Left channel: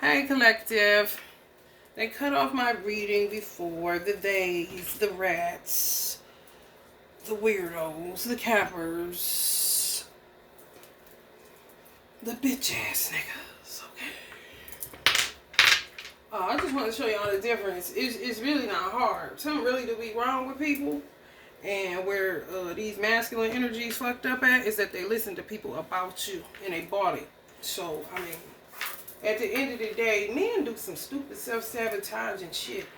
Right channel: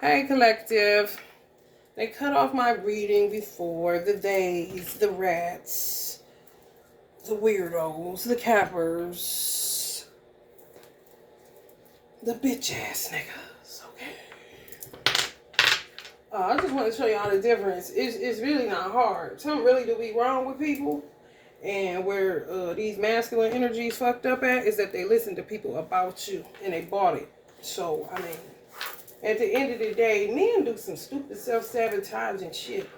Hey, collective. They cut off my reading before. The theys, the rats, the weirdos, the cappers, the bitch ass niggas. Okay. I just want to show y'all the difference. It's really not hard. Something really do be wrong with people. And where these masculine energies fucked up at is that they listen to people about you and they bought it. So, I mean, at the end of the day, men do some stupid self-sabotaging shit.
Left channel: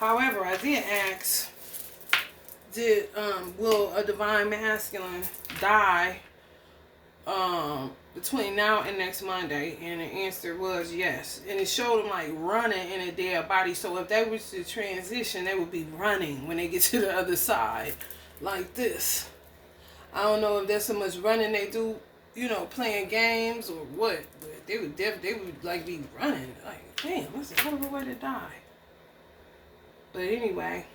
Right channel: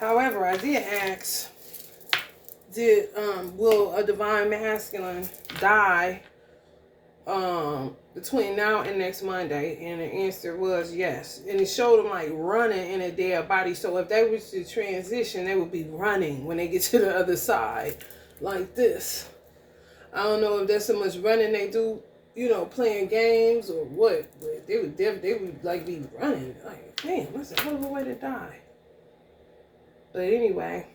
However, I did ask, will a divine masculine die between now and next Monday? And the answer was yes. And it showed them like running in a dead body. So if they was to transition, they would be running when they get to the other side, like this. I don't know if there's so much running they do, you know, playing games or what, but they would like be running. Like, damn, that's a hell of a way to die. But anyway,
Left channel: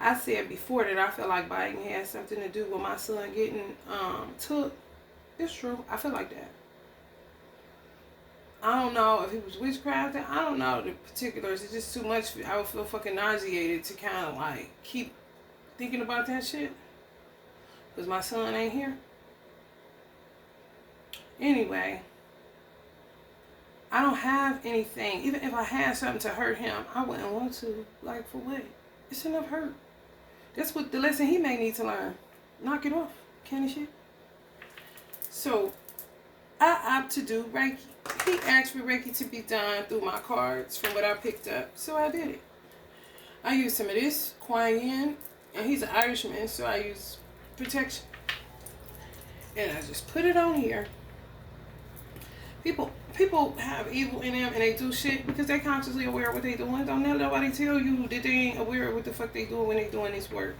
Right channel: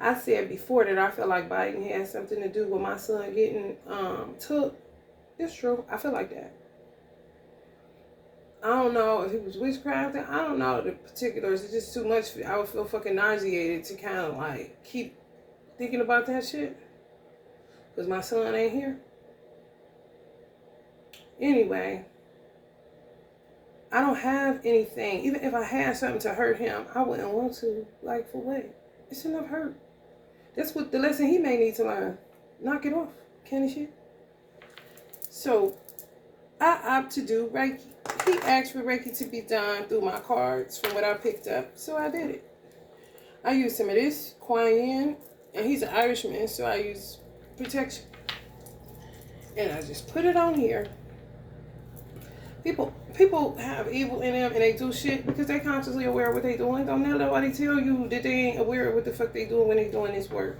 I said before that I feel like Biden had something to do with my son getting took. It's true. I feel like that. I don't know if it was witchcrafting. I don't know the particulars. It's just too much. I would feel fucking nauseated to kind of like keep thinking about that shit. Because my son ain't here. Anyway, I don't have anything. Even if I had something to hurt him, I wouldn't want to. Like, for what? It's enough hurt. That's what the lesson he may need to learn. Knock it off. Candy shit. So, I opt to do Reiki. He asked for Reiki to be done through my cards from what I picked up. So I did it. I used some of this, Kuan Yin, and he's an Irishman, so I use protection. And I just put it on here. People have evil in them and they do shit because they consciously aware of what they doing. Don't let nobody tell you that they ain't aware of what the fuck they doing when they doing this work.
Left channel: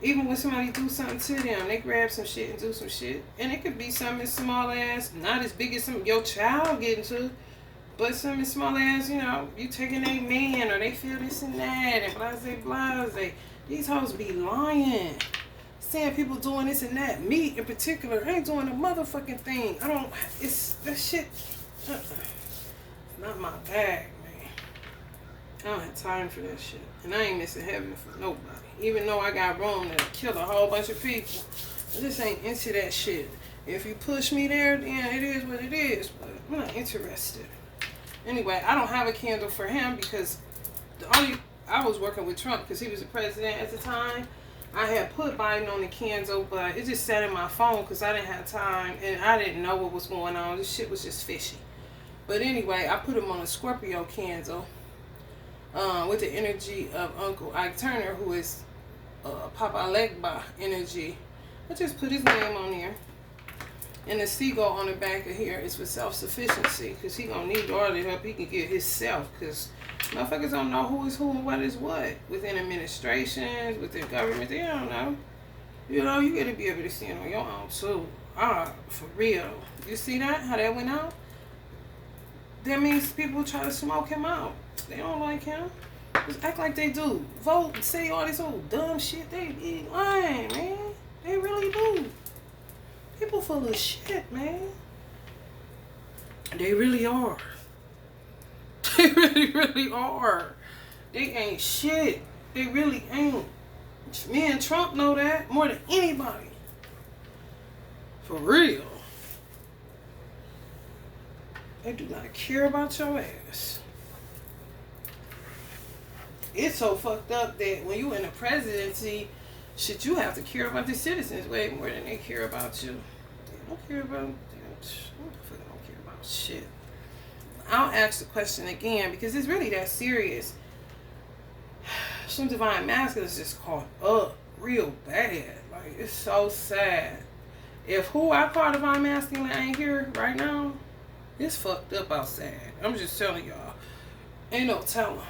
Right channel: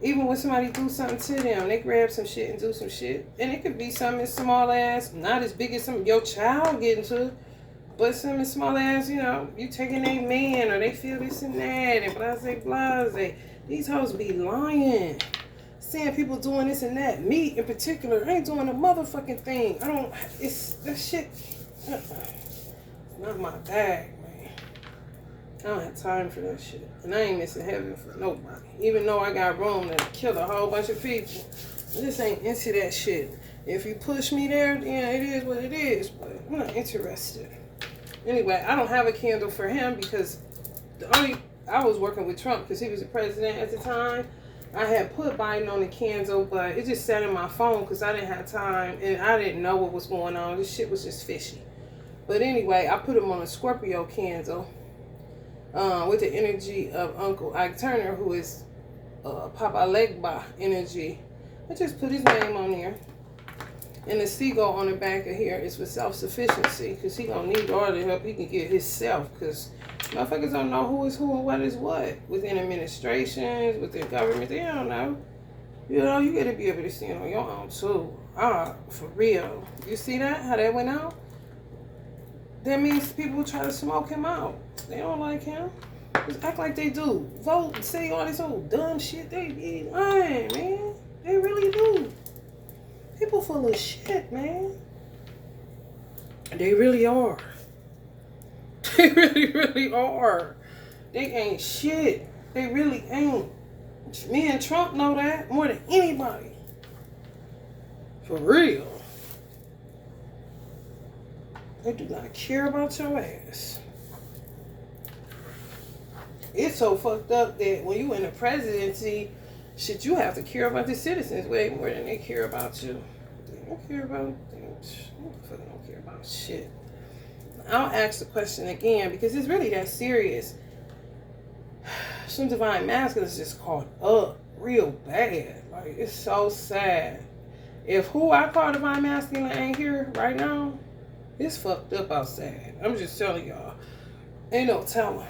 Even when somebody do something to them, they grab some shit and do some shit. And it could be something as small as, not as big as some your child getting to, but something as small as, you know, you taking a man or they feel this and that and blase. These hoes be lying. Saying people doing this and that. Me in particular ain't doing a motherfucking thing. It's that shit. It's not my bag, man. I don't have time for that shit. And I ain't missing heaven for nobody. Even though I got room to kill a whole bunch of people. I just ain't into that shit. If you push me there, then it is what it is. But I'm not interested. Anyway, I don't have a candle for him because I was working with Trump because he was the president at the time. I had put Biden on the candle, but it just sat in my phone because I didn't have time and I didn't know what was going on. This shit was just fishy. But anyway, I put him on a Scorpio candle with the energy of Uncle Ike Turner, who is Papa Legba energy. I just put his name on there. And the seagull on the back of here is for self-sufficiency because he gonna need all the help he can get himself because motherfuckers don't know who is who and what is what within administrations, within government. They don't know. You know, you got to be able to see it on your own too. For real. You see that? How that went out? That means people try to smoke him out. They don't like him. Just act like they do. Vote and say all this old dumb shit. They be lying, man. They really do. People full of shit, man. They really are. They really, really are. They ain't shit. They really ain't. Me and Trump know that more than anybody. For real. They do not care about your ass. It's so fucked up that when you in the presidency, shit, you have to care about the citizens way more than they care about you. They don't care about them. They don't care about shit. I'll ask the question again because it's really that serious. Some divine masculine is just caught up real bad. Like, it's so sad. If who I call divine masculine ain't here right now, it's fucked up outside. I'm just telling y'all. Ain't no telling.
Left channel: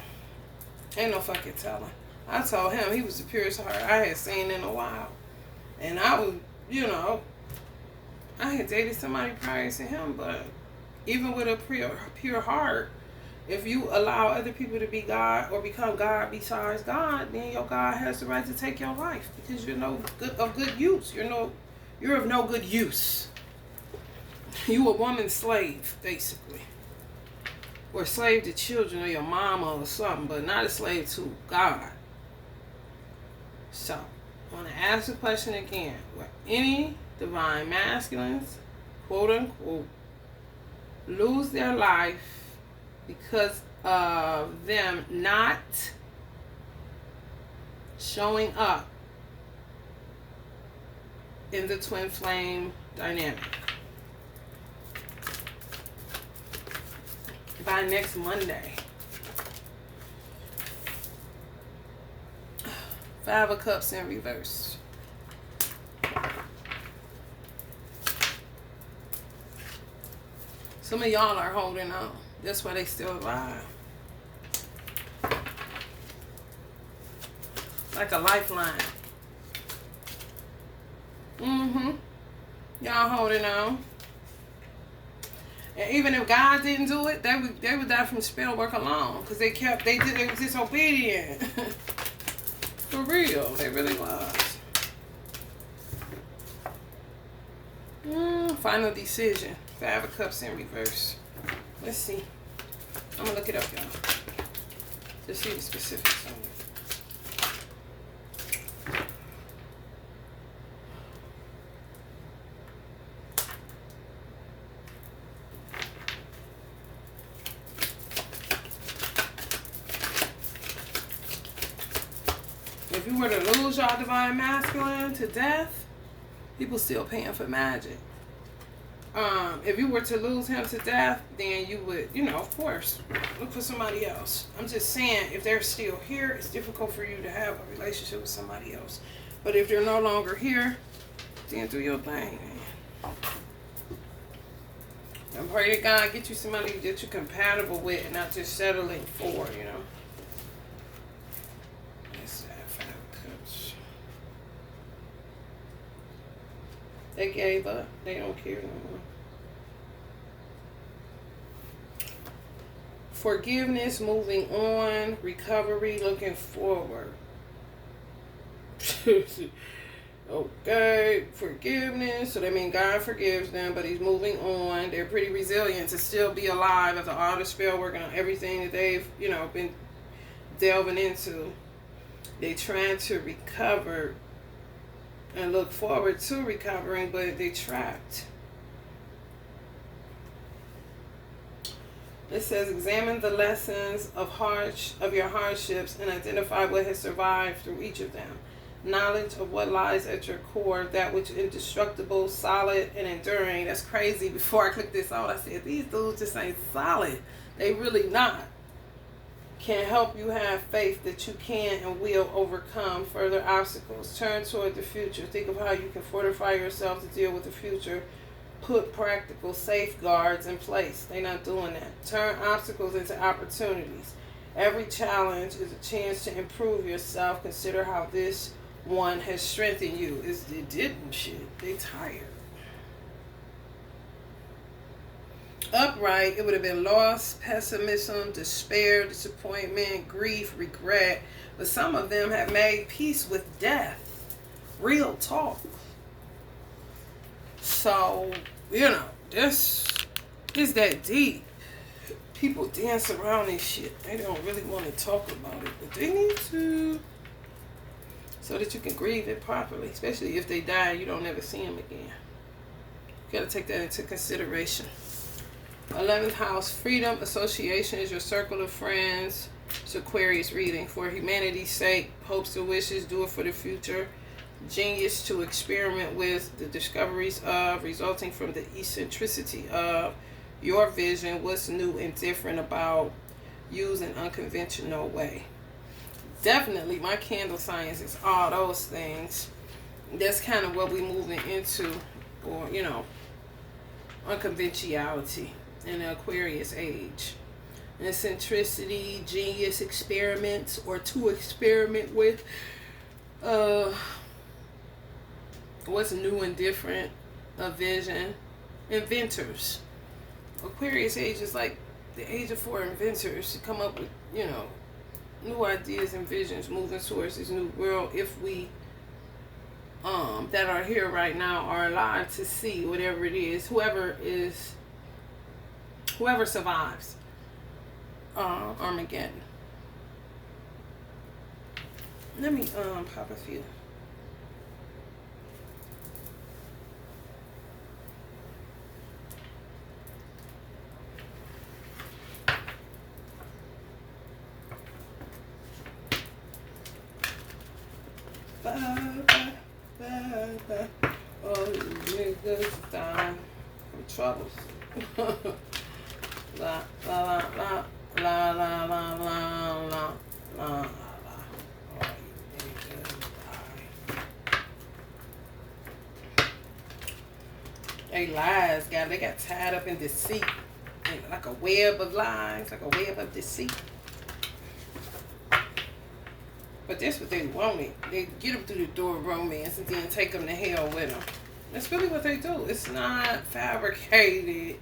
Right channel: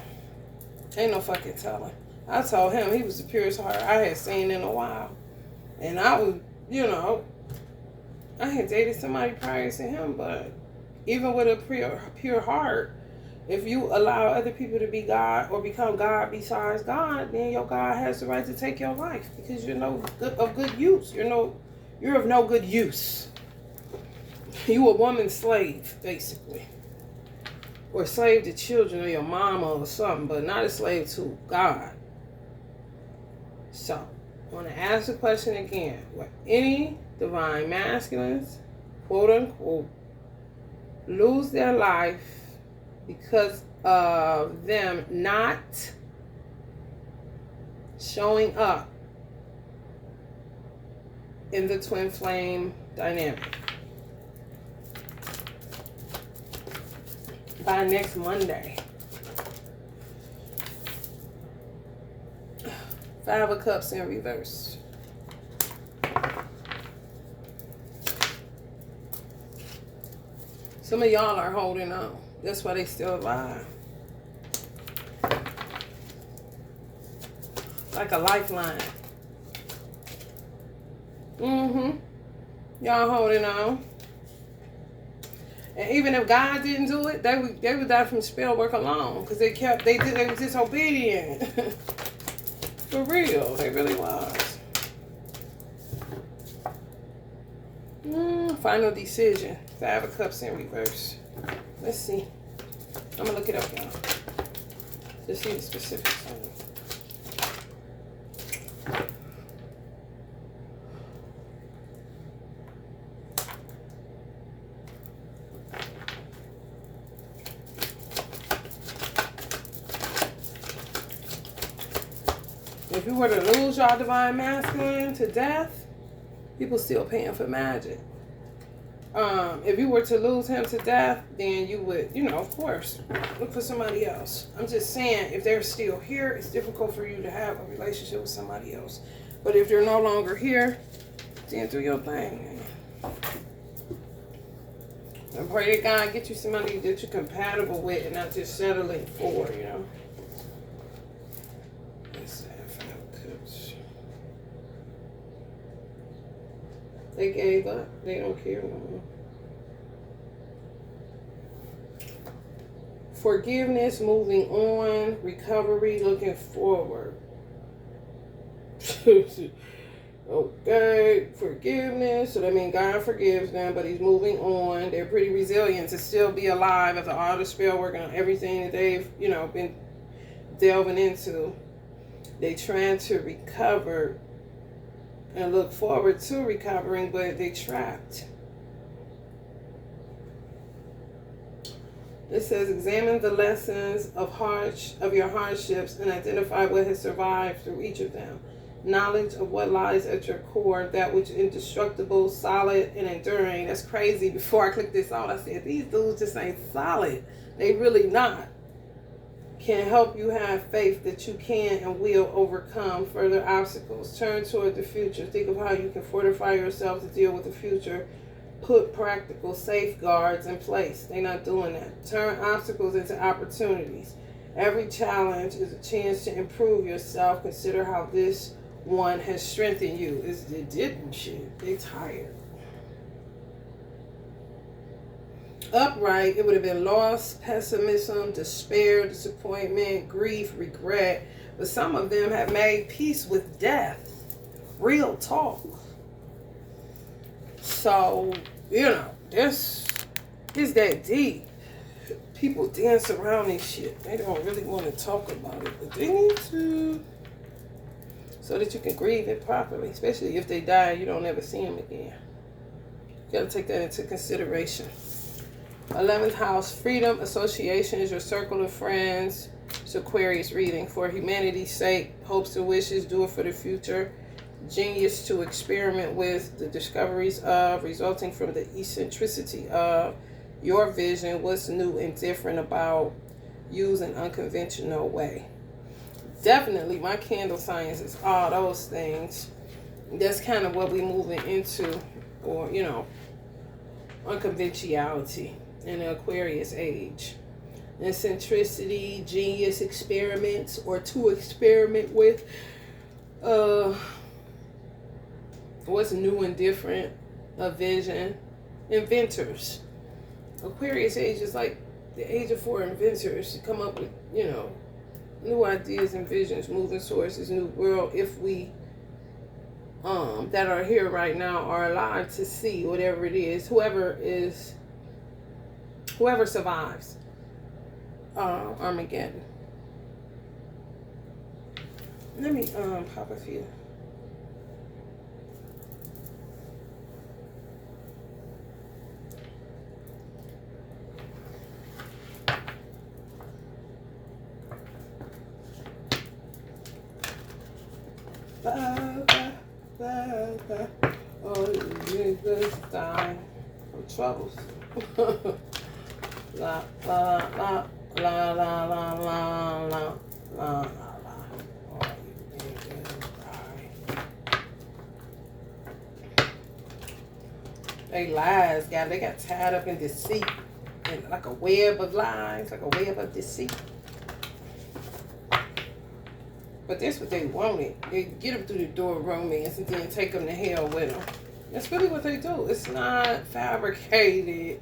Ain't no fucking telling. I told him he was the purest heart I had seen in a while. And I was, you know, I had dated somebody prior to him, but even with a pure heart, if you allow other people to be God or become God besides God, then your God has the right to take your life because you're of good use. You're of no good use. You a woman slave, basically. Or slave to children or your mama or something, but not a slave to God. So, I want to ask the question again. Will any divine masculines, quote unquote, lose their life because of them not showing up in the twin flame dynamic by next Monday? 5 of Cups in reverse. Some of y'all are holding on. That's why they still alive. Like a lifeline. Y'all holding on. And even if God didn't do it, they would die from spell work alone. Because they were disobedient. For real, they really was. Final decision. 5 of Cups in reverse. Let's see. I'm gonna look it up, y'all. To see the specifics on it. If you were to lose y'all divine masculine to death, people still paying for magic. If you were to lose him to death, then you would, of course, look for somebody else. I'm just saying, if they're still here, it's difficult for you to have a relationship with somebody else. But if they're no longer here, then do your thing. And pray to God get you somebody that you're compatible with and not just settling for, They gave up. They don't care no more. Forgiveness, moving on, recovery, looking forward. Okay, forgiveness. So that means God forgives them, but he's moving on. They're pretty resilient to still be alive after all the spell work on everything that they've, been delving into. They trying to recover and look forward to recovering, but they trapped. It says, examine the lessons of your hardships and identify what has survived through each of them. Knowledge of what lies at your core, that which is indestructible, solid, and enduring. That's crazy. Before I clicked this out, I said, these dudes just ain't solid. They really not. Can help you have faith that you can and will overcome further obstacles. Turn toward the future. Think of how you can fortify yourself to deal with the future. Put practical safeguards in place. They're not doing that. Turn obstacles into opportunities. Every challenge is a chance to improve yourself. Consider how this one has strengthened you. It didn't shit. They tired. Upright, it would have been loss, pessimism, despair, disappointment, grief, regret. But some of them have made peace with death. Real talk. So, this that deep. People dance around this shit. They don't really want to talk about it, but they need to. So that you can grieve it properly. Especially if they die and you don't ever see them again. You got to take that into consideration. 11th house, freedom, association is your circle of friends. It's Aquarius reading. For humanity's sake, hopes and wishes, do it for the future. Genius to experiment with, the discoveries of, resulting from the eccentricity of your vision, what's new and different about, use an unconventional way. Definitely, my candle science is all those things. That's kind of what we're moving into, or, unconventionality in the Aquarius age. Eccentricity, genius experiments, or to experiment with what's new and different, a vision. Inventors. Aquarius age is like the age of for inventors to come up with, new ideas and visions moving towards this new world if we that are here right now are alive to see whatever it is, whoever survives Armageddon. Let me pop a few. Oh, niggas die from troubles. La la la la la la la la la. They lies, God. They got tied up in deceit, and like a web of lies, like a web of deceit. But that's what they wanted. They get them through the door of romance and then take them to hell with them. That's really what they do. It's not fabricated.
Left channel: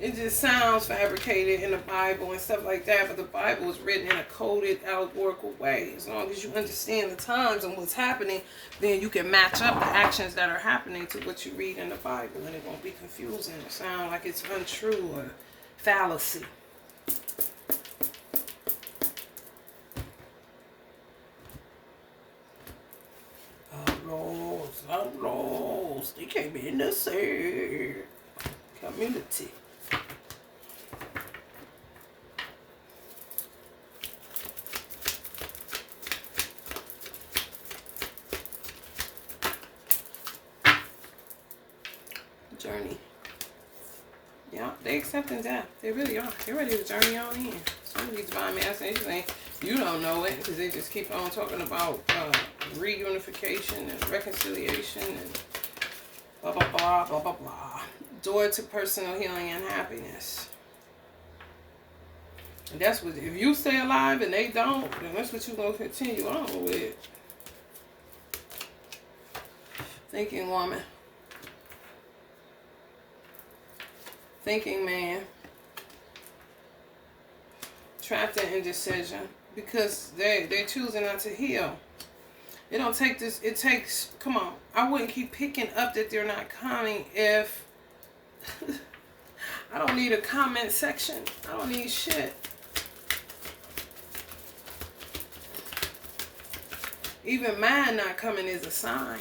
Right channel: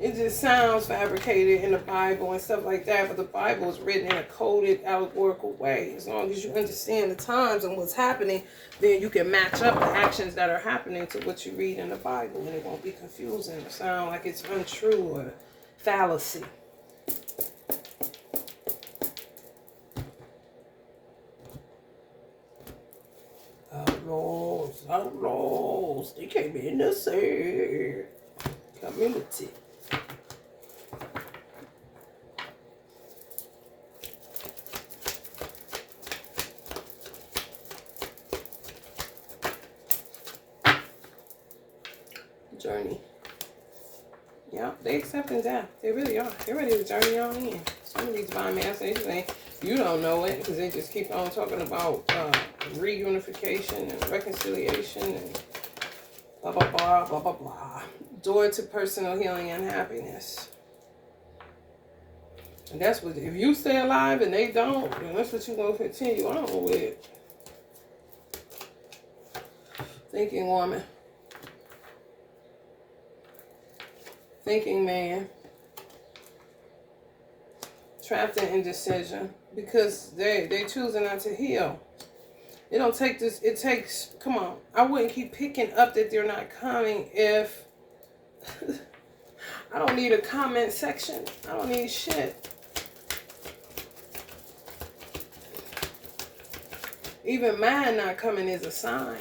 It just sounds fabricated in the Bible and stuff like that. But the Bible is written in a coded, allegorical way. As long as you understand the times and what's happening, then you can match up the actions that are happening to what you read in the Bible. And it won't be confusing or sound like it's untrue or fallacy. Outlaws, they came in to say community. Journey. Yeah, they accepting death. They really are. They're ready to journey on in. Some of these divine masters, you don't know it because they just keep on talking about reunification and reconciliation and blah, blah, blah, blah, blah, blah. Door to personal healing and happiness. And that's what, if you stay alive and they don't, then that's what you're going to continue on with. Thinking woman. Thinking man. Trapped in indecision. Because they choosing not to heal. It don't take this. It takes. Come on. I wouldn't keep picking up that they're not coming if I don't need a comment section. I don't need shit. Even mine not coming is a sign.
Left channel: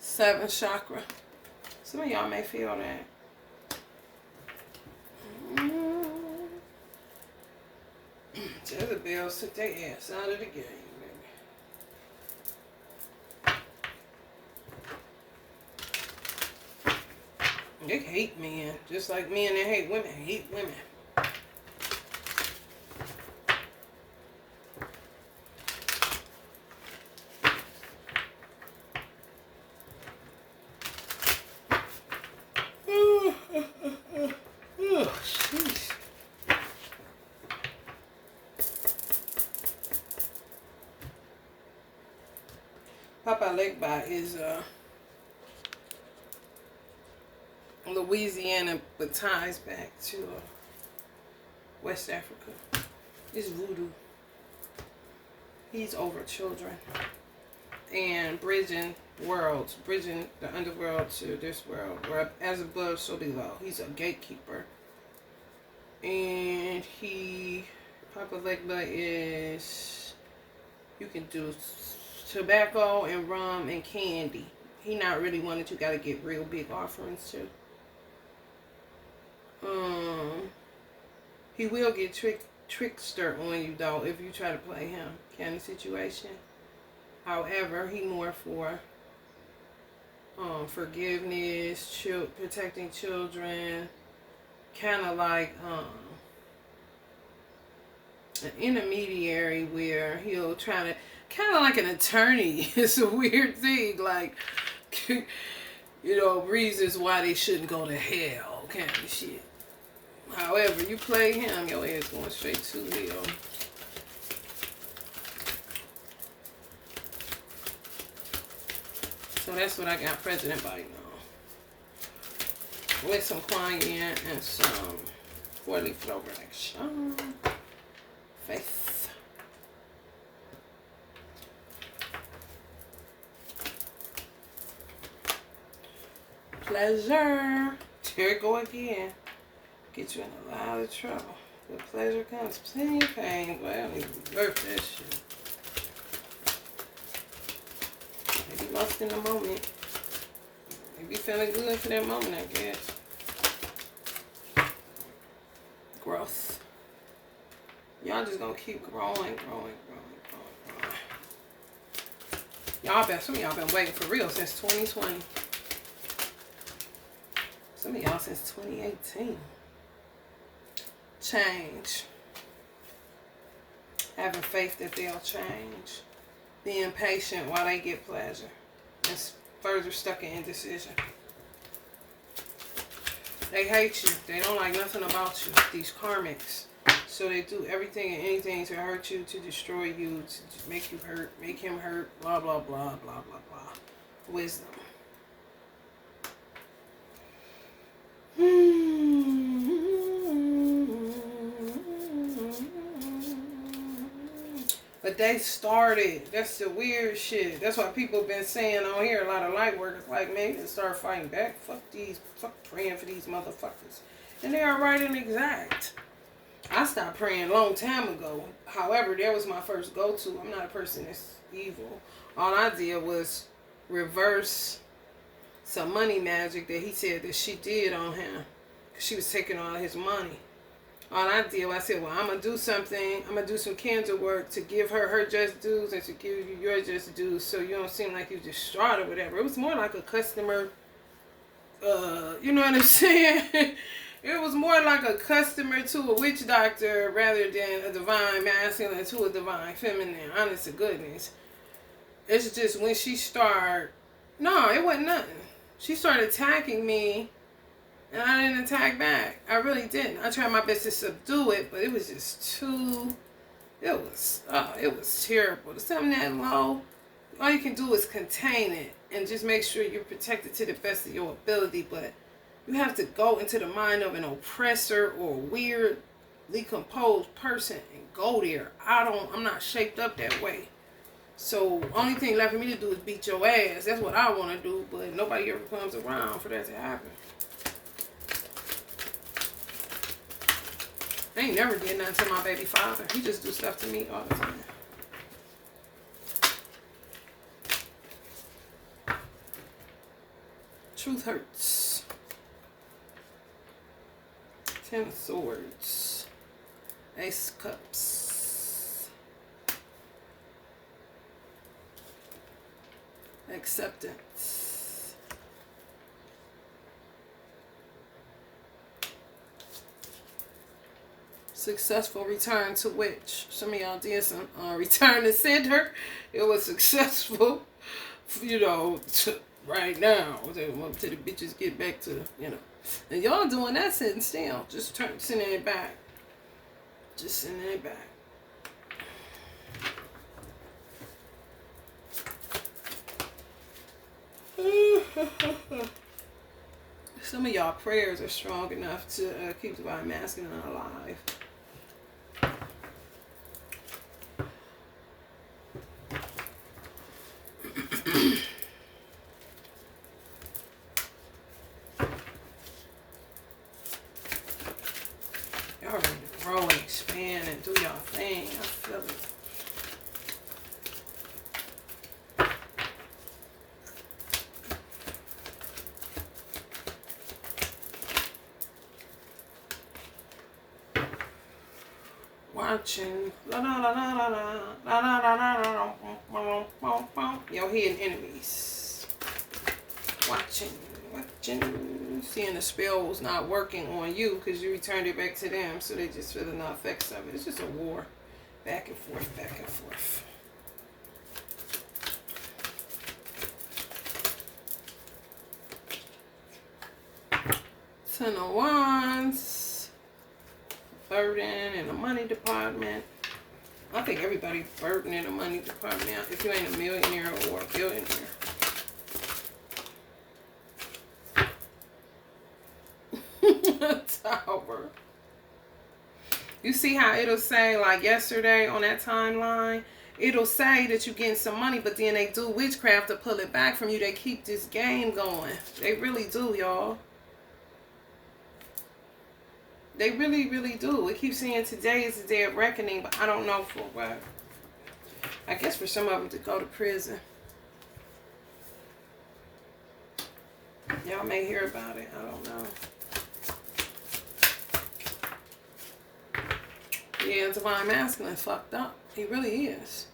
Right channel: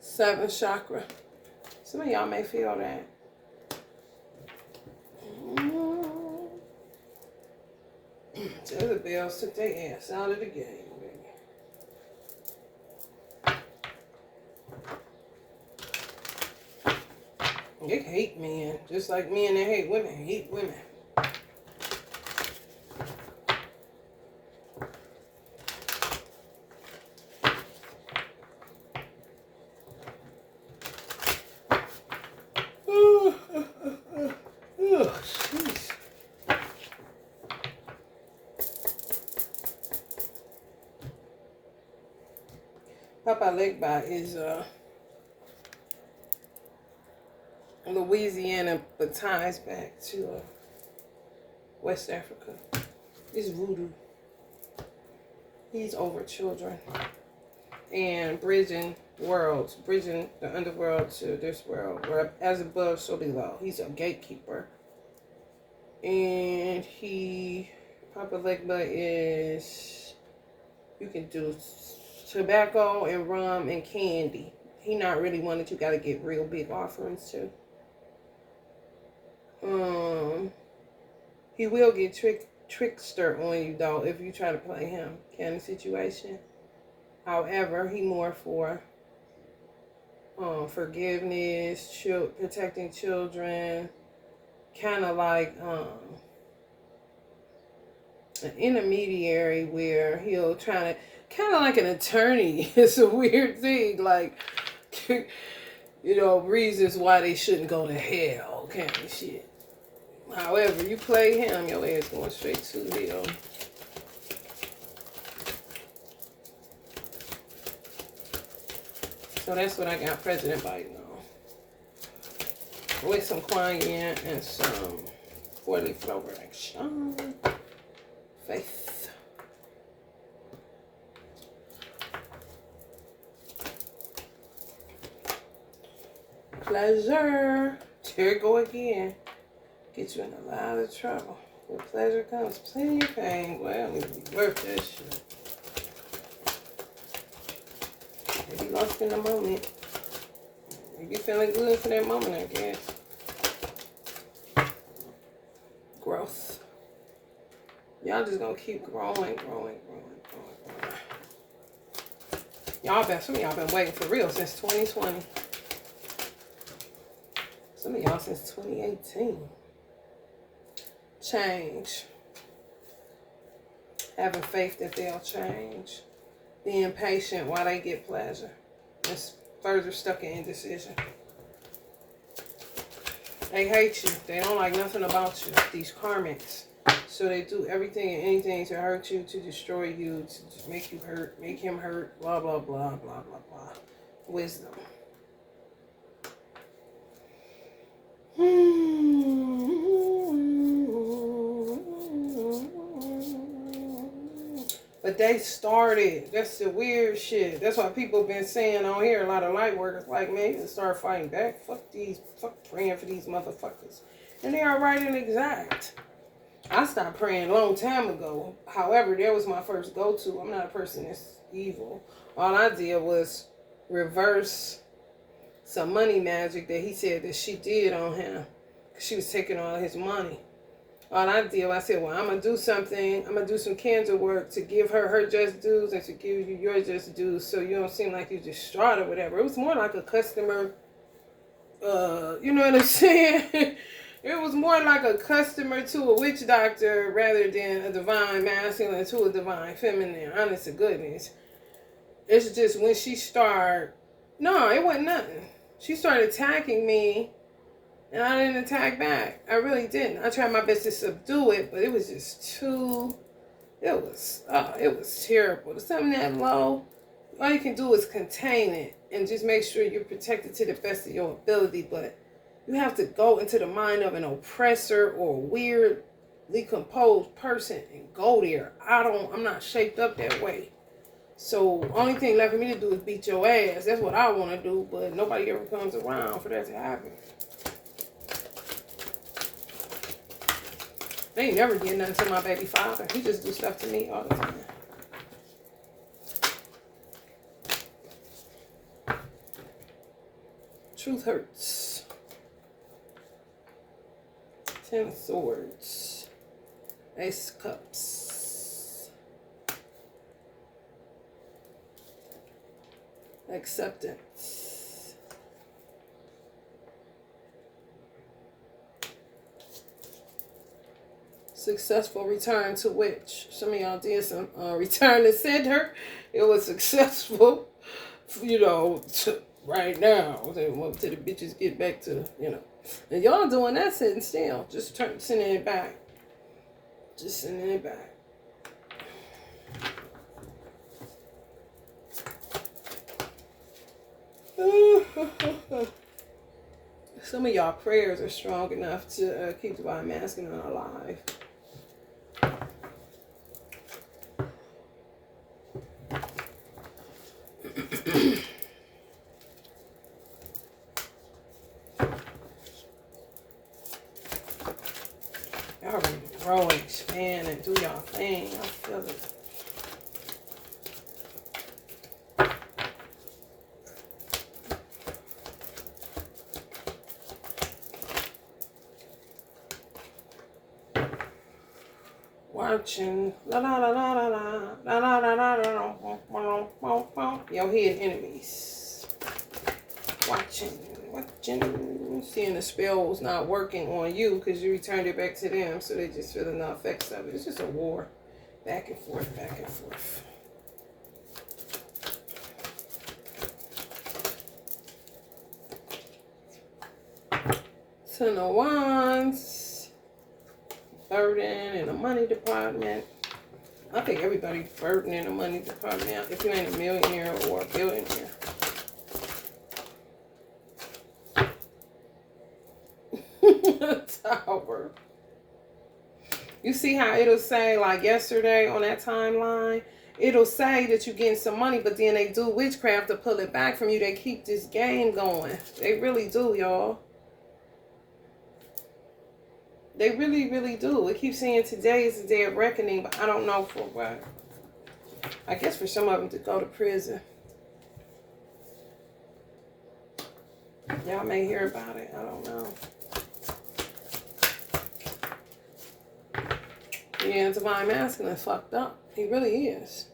Seventh chakra. Some of y'all may feel that. Jezebels took their ass out of the game, baby. They hate men. Just like men that hate women. Papa Legba is Louisiana, but ties back to West Africa. It's voodoo. He's over children and bridging worlds, bridging the underworld to this world, where as above, so below. He's a gatekeeper. And Papa Legba is, you can do tobacco and rum and candy. He not really one that you gotta get real big offerings to. He will get trickster on you though if you try to play him kind of situation. However, he more for forgiveness, protecting children, kind of like an intermediary where he'll try to, kind of like an attorney. It's a weird thing, like, you know, reasons why they shouldn't go to hell, kind of shit. However, you play him, your ass going straight to hell. So that's what I got President Biden with some cayenne and some 4-leaf clover action. Faith. Pleasure. Here it go again. Get you in a lot of trouble. With pleasure comes plenty of pain. Well, I don't even be worth that shit. Maybe lost in the moment. Maybe feeling good for that moment, I guess. Growth. Y'all just gonna keep growing. Some of y'all been waiting for real since 2020. Some of y'all since 2018. Change. Having faith that they'll change. Being patient while they get pleasure. It's further stuck in indecision. They hate you. They don't like nothing about you. These karmics. So they do everything and anything to hurt you, to destroy you, to make you hurt, make him hurt, blah, blah, blah, blah, blah, blah. Wisdom. But they started. That's the weird shit. That's why people been saying on here, a lot of light workers, like, man, you can start fighting back. Fuck praying for these motherfuckers. And they are right and exact. I stopped praying a long time ago. However, that was my first go-to. I'm not a person that's evil. All I did was reverse some money magic that he said that she did on him. She was taking all his money. All I did, I said, well, I'm going to do something. I'm going to do some candle work to give her her just dues and to give you your just dues so you don't seem like you distraught or whatever. It was more like a customer, you know what I'm saying? It was more like a customer to a witch doctor rather than a divine masculine to a divine feminine. Honest to goodness. It's just when she started, no, it wasn't nothing. She started attacking me. And I didn't attack back. I really didn't. I tried my best to subdue it, but it was just too, it was terrible. To something that low, all you can do is contain it and just make sure you're protected to the best of your ability. But you have to go into the mind of an oppressor or a weirdly composed person and go there. I'm not shaped up that way. So only thing left for me to do is beat your ass. That's what I want to do, but nobody ever comes around for that to happen. They ain't never did nothing to my baby father. He just do stuff to me all the time. Truth hurts. 10 of Swords. Ace of Cups. Acceptance. Successful return to witch. Some of y'all did some return to sender. It was successful, you know, right now. They want to the bitches get back to, you know. And y'all doing that sitting still. Just sending it back. Just sending it back. Some of y'all prayers are strong enough to keep divine masculine alive. Y'all ready to grow and expand and do y'all thing. I feel it. Watching. Your hidden enemies. Watching. Seeing the spells not working on you because you returned it back to them, so they just feeling the effects of it. It's just a war. Back and forth, back and forth. Ten of Wands. Burden in the money department. I think everybody's burden in the money department if you ain't a millionaire or a billionaire. Tower. You see how it'll say, like yesterday on that timeline, it'll say that you're getting some money, but then they do witchcraft to pull it back from you. They keep this game going. They really do, y'all. They really, really do. It keeps saying today is the day of reckoning, but I don't know for what. I guess for some of them to go to prison. Y'all may hear about it. I don't know. Yeah, Divine Masculine fucked up. He really is.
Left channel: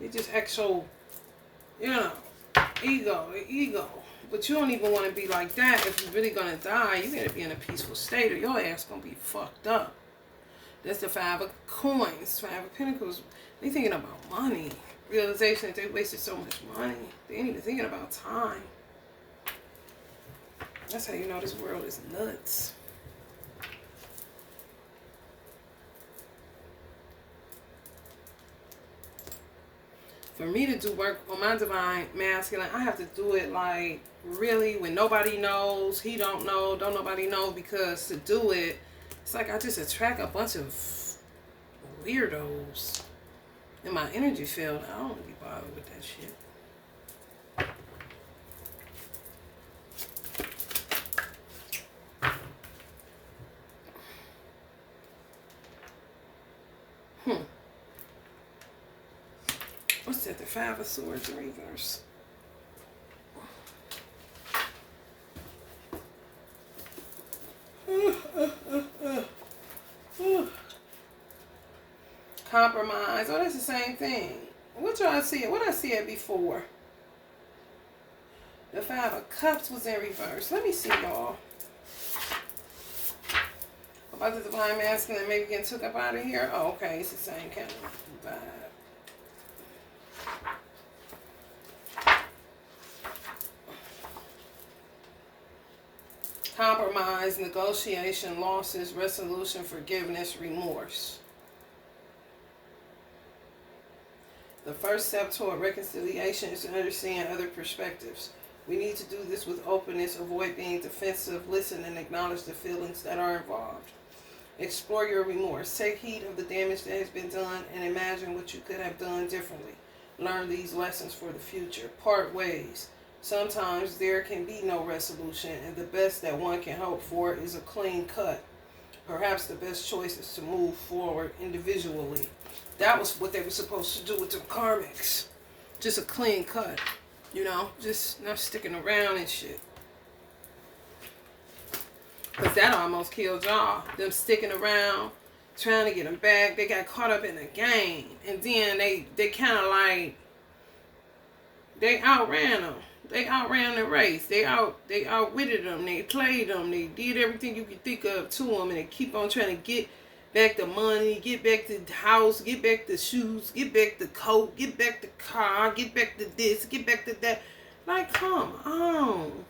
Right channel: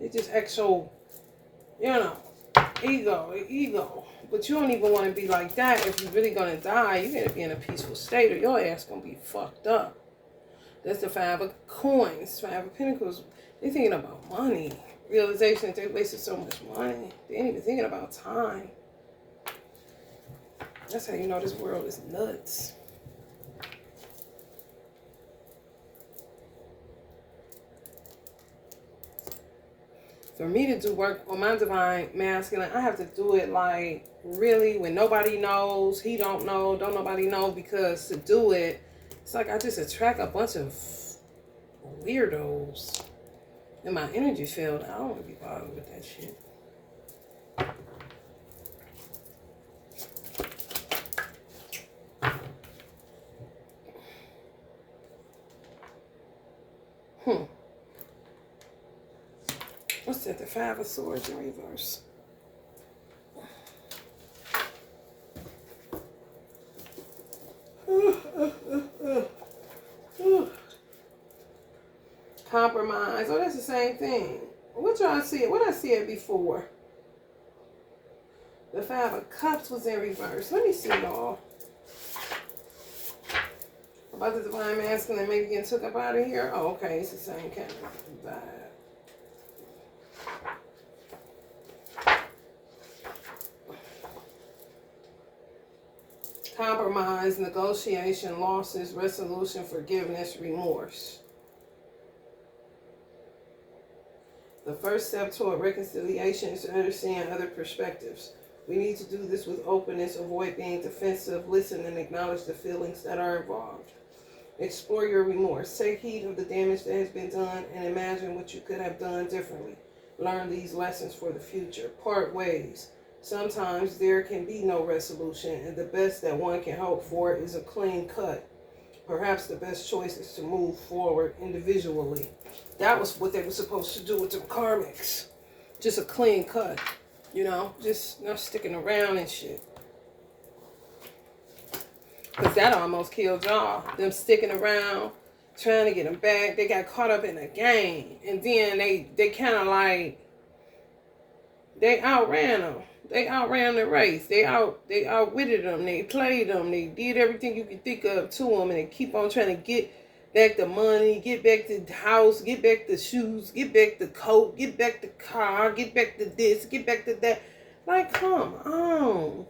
He just acts so, you know, ego. But you don't even want to be like that if you're really going to die. You got to be in a peaceful state or your ass going to be fucked up. That's the 5 of coins, 5 of pentacles. They thinking about money. Realization that they wasted so much money. They ain't even thinking about time. That's how you know this world is nuts. For me to do work on my Divine Masculine, I have to do it like really when nobody knows, he don't know, don't nobody know, because to do it, it's like I just attract a bunch of weirdos in my energy field. I don't want to be bothered with that shit. What's that? The 5 of Swords in reverse. Compromise. Oh, that's the same thing. What y'all see it? What I see it before? The 5 of Cups was in reverse. Let me see, y'all. About the Divine Masculine maybe getting took up out of here. Oh, okay. It's the same kind of vibe. Compromise, negotiation, losses, resolution, forgiveness, remorse. The first step toward reconciliation is to understand other perspectives. We need to do this with openness, avoid being defensive, listen and acknowledge the feelings that are involved. Explore your remorse. Take heed of the damage that has been done and imagine what you could have done differently. Learn these lessons for the future. Part ways. Sometimes there can be no resolution, and the best that one can hope for is a clean cut. Perhaps the best choice is to move forward individually. That was what they were supposed to do with the karmics. Just a clean cut, you know, just not sticking around and shit. Because that almost killed y'all. Them sticking around, trying to get them back. They got caught up in a game. And then they kind of like, they outran them. They outran the race. They outwitted them. They played them. They did everything you could think of to them. And they keep on trying to get back the money, get back the house, get back the shoes, get back the coat, get back the car, get back the this, get back the that. Like, come on.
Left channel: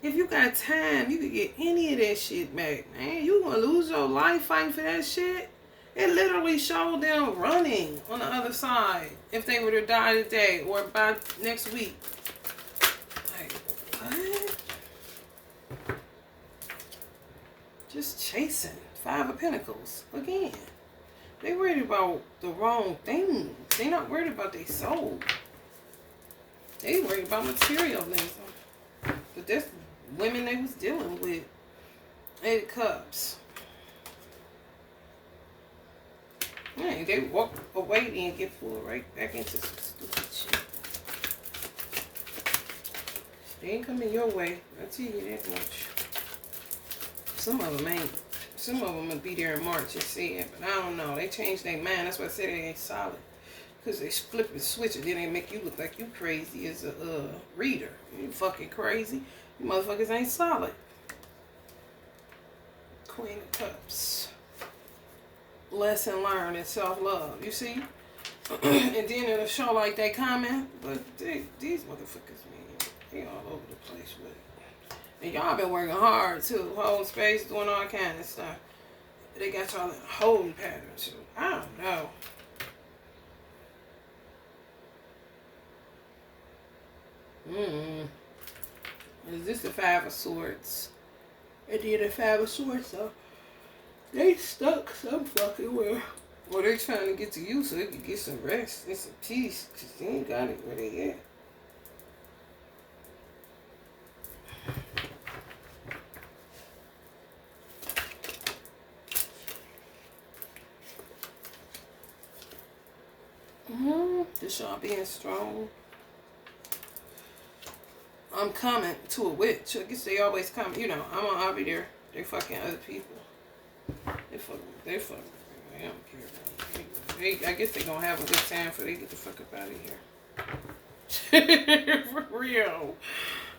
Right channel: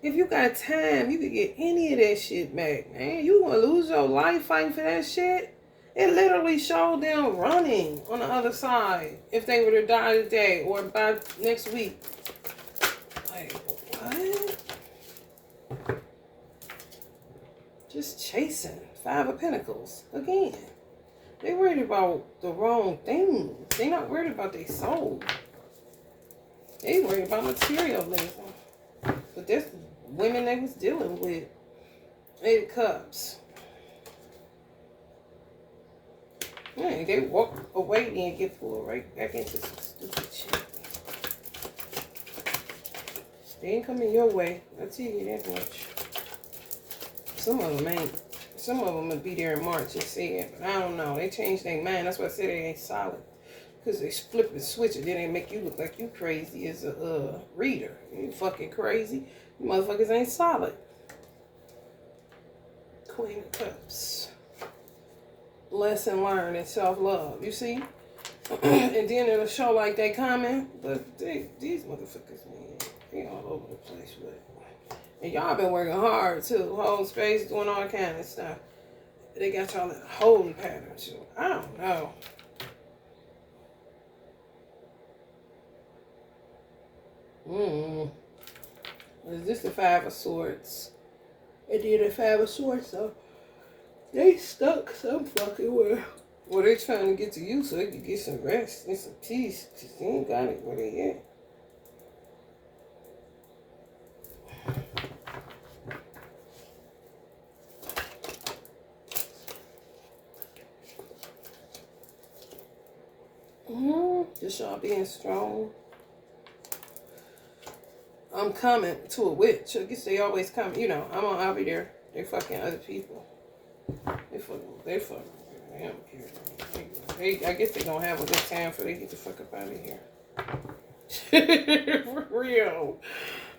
If you got time, you could get any of that shit back, man. You gonna lose your life fighting for that shit? It literally showed them running on the other side if they were to die today or by next week. Like, what? Just chasing. 5 of Pentacles. Again. They worried about the wrong things. They not worried about their soul. They worried about materialism. But that's women they was dealing with. 8 of Cups. Man, they walk away and get pulled right back into some stupid shit. They ain't coming your way. I'll tell you that much. Some of them ain't. Some of them will be there in March and say it, but I don't know. They changed their mind. That's why I said they ain't solid. Because they flip and switch it. Then they make you look like you crazy as a reader. You fucking crazy. You motherfuckers ain't solid. Queen of Cups. Lesson learned and self-love. You see? And then it'll show like they comment. But these motherfuckers, man, they all over the place with it. And y'all been working hard too. Hold space, doing all kind of stuff. They got y'all in a holding pattern too. I don't know. Is this the Five of Swords? And then the Five of Swords, so they stuck some fucking where. Well, they trying to get to you so they can get some rest and some peace, because they ain't got it where they at. Just y'all being strong. I'm coming to a witch. I guess they always come. You know, I'll be there. They fucking other people. They fucking. I don't care. I guess they gonna have a good time before they get the fuck up out of here. For real.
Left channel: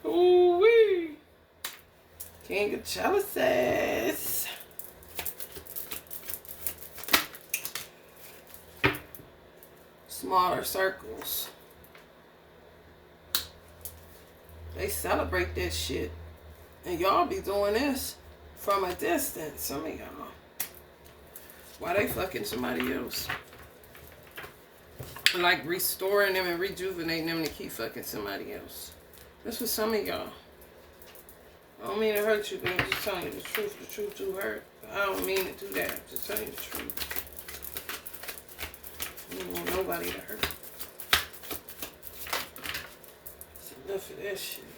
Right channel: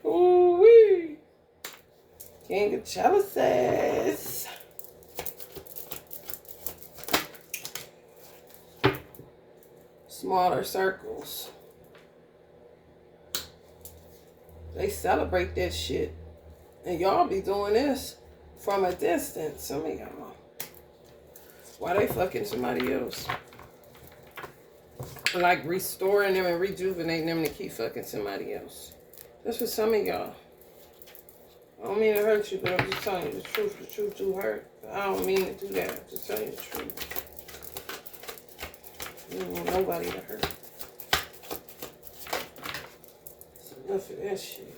Ooh wee. King of Chalices. Smaller circles. They celebrate that shit. And y'all be doing this from a distance. Some of y'all. Why they fucking somebody else? Like restoring them and rejuvenating them to keep fucking somebody else. That's for some of y'all. I don't mean to hurt you, but I'm just telling you the truth. The truth do hurt. I don't mean to do that. I'm just telling you the truth. You don't want nobody to hurt. It's enough of that shit.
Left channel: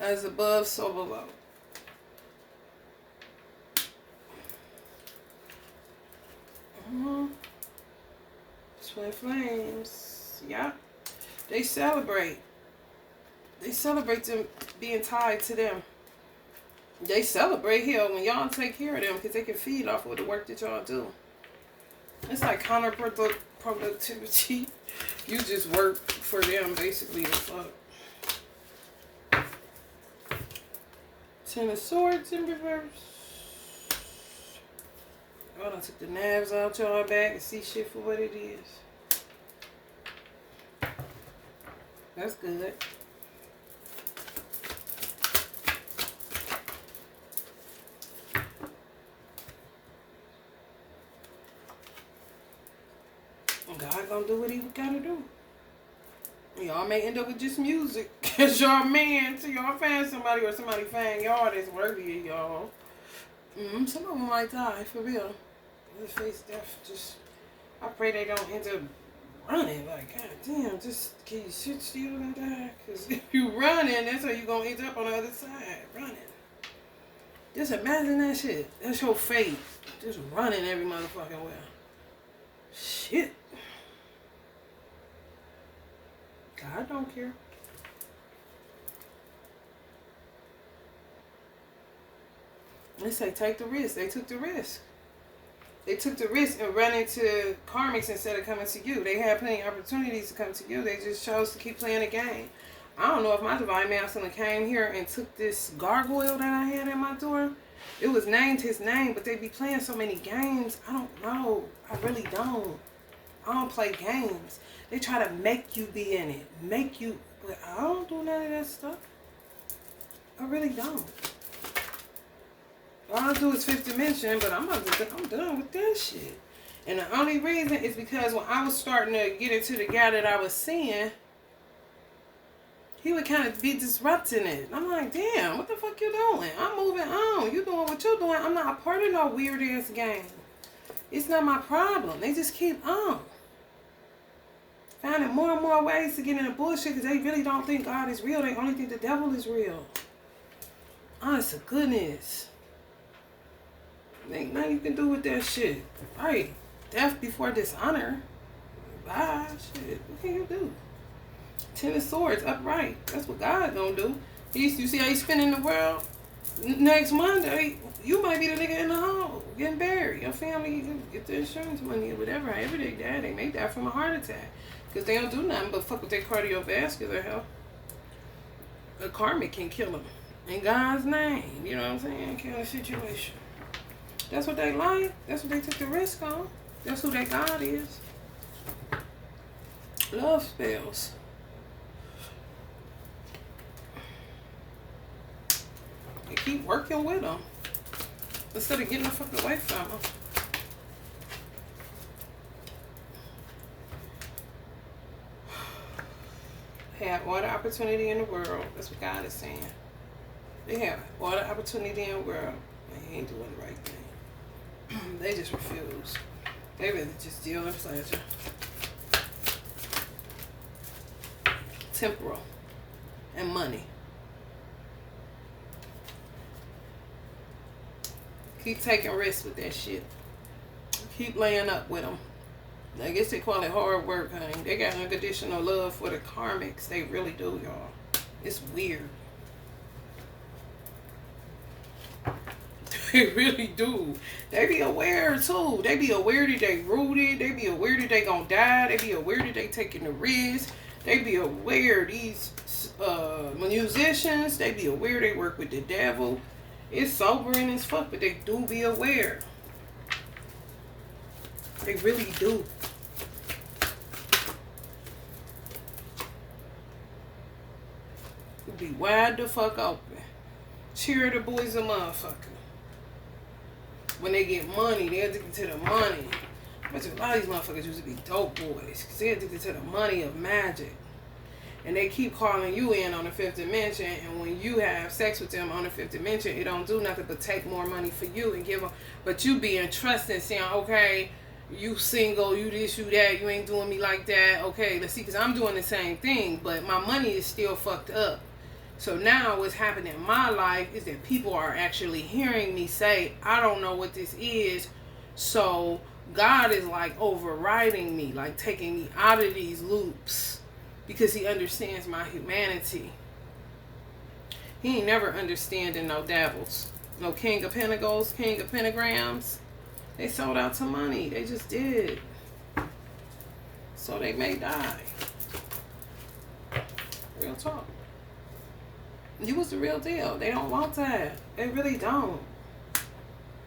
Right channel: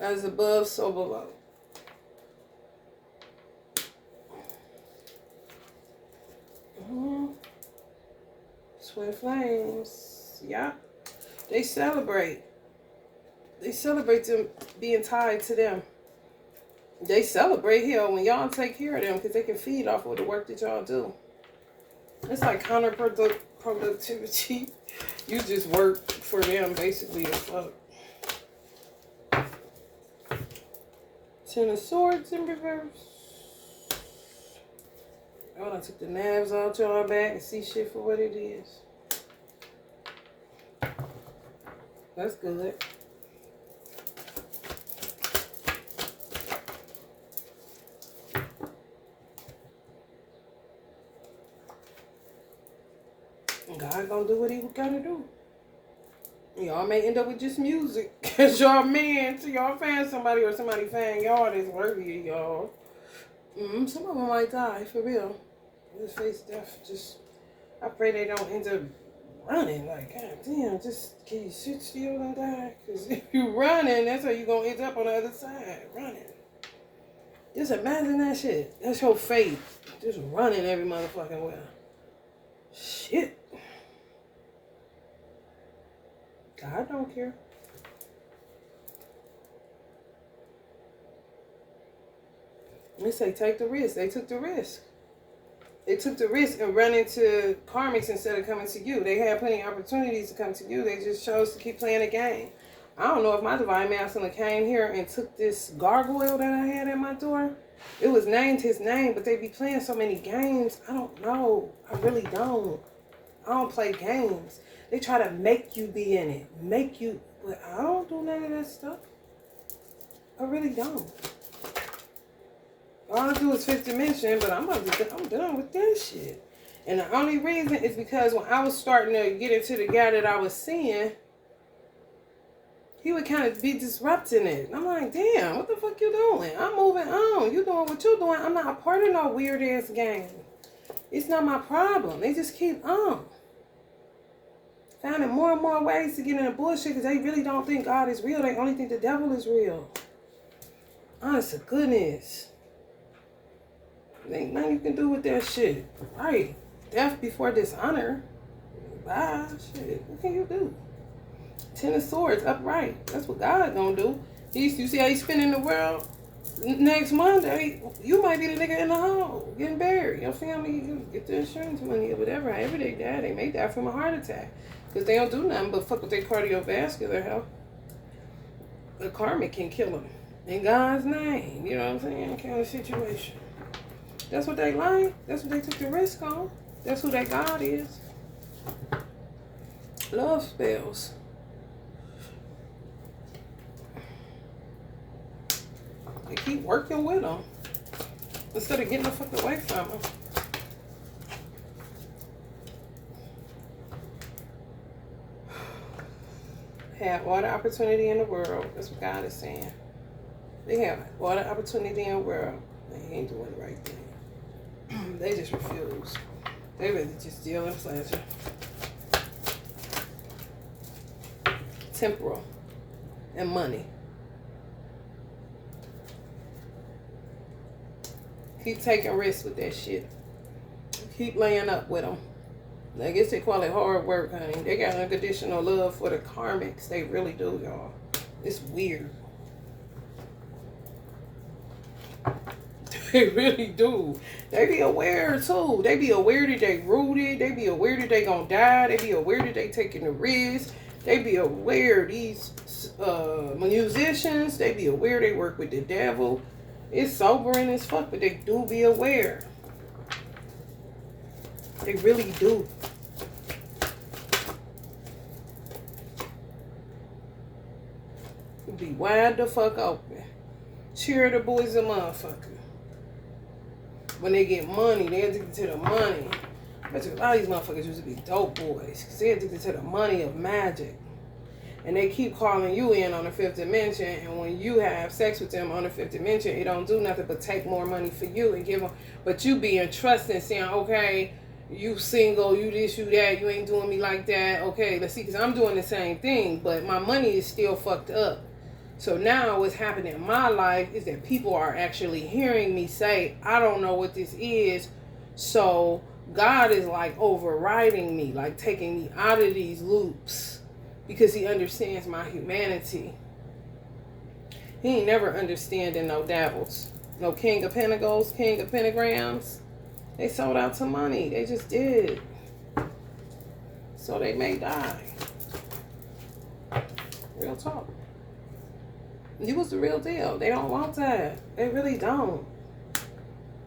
As above, so below. Twin flames. Yeah. They celebrate. They celebrate them being tied to them. They celebrate here when y'all take care of them because they can feed off of the work that y'all do. It's like counterproductivity. You just work for them basically as fuck. Ten of Swords in reverse. Oh, I took the knives out y'all back and see shit for what it is. That's good. God gonna do what he gotta do. Y'all may end up with just music. Cause y'all man till y'all find somebody or somebody find y'all that's worthy of y'all. Some of them might die, for real. Just face death. Just, I pray they don't end up running. Like, god damn, just can you sit still and die? Cause if you running, that's how you gonna end up on the other side. Running. Just imagine that shit. That's your fate. Just running every motherfucking way. Shit. God don't care. They say take the risk. They took the risk. They took the risk and run into karmics instead of coming to you. They had plenty of opportunities to come to you. They just chose to keep playing the game. I don't know if my divine masculine came here and took this gargoyle that I had at my door. It was named his name, but they be playing so many games. I don't know. I really don't. I don't play games. They try to make you be in it. Make you. But I don't do none of that stuff. I really don't. All I do is 5th dimension, but I'm done with that shit. And the only reason is because when I was starting to get into the guy that I was seeing, he would kind of be disrupting it. I'm like, damn, what the fuck you doing? I'm moving on. You doing what you doing. I'm not a part of no weird ass game. It's not my problem. They just keep on. Finding more and more ways to get into bullshit because they really don't think God is real. They only think the devil is real. Honest to goodness. Ain't nothing you can do with that shit. Right. Death before dishonor. Bye. Shit. What can you do? 10 of Swords upright. That's what God gonna do. You see how he's spinning the world? Next Monday, you might be the nigga in the hole getting buried. Your family, you get the insurance money or whatever. However they die, they may die from a heart attack. Because they don't do nothing but fuck with their cardiovascular health. The karmic can kill them. In God's name. You know what I'm saying? Kind of situation. That's what they like. That's what they took the risk on. That's who their God is. Love spells. They keep working with them instead of getting the fuck away from them. have all the opportunity in the world. That's what God is saying. They have all the opportunity in the world. They ain't doing the right thing. They just refuse. They really just deal in pleasure. Temporal. And money. Keep taking risks with that shit. Keep laying up with them. I guess they call it hard work, honey. They got unconditional love for the karmics. They really do, y'all. It's weird. They really do. They be aware, too. They be aware that they rooted. They be aware that they gonna die. They be aware that they taking the risk. They be aware these musicians, they be aware they work with the devil. It's sobering as fuck, but they do be aware. They really do. Be wide the fuck open. Charitable as a motherfucker. When they get money, they're addicted to the money. But a lot of these motherfuckers used to be dope boys. Because they're addicted to the money of magic. And they keep calling you in on the fifth dimension. And when you have sex with them on the fifth dimension, it don't do nothing but take more money for you and give them. But you being trusting, saying, okay, you single, you this, you that, you ain't doing me like that. Okay, let's see, because I'm doing the same thing. But my money is still fucked up. So now what's happening in my life is that people are actually hearing me say, I don't know what this is. So God is like overriding me, like taking me out of these loops because he understands my humanity. He ain't never understanding no devils. No king of pentacles, king of pentagrams. They sold out to money. They just did. So they may die. Real talk. You was the real deal. They don't want that. They really don't.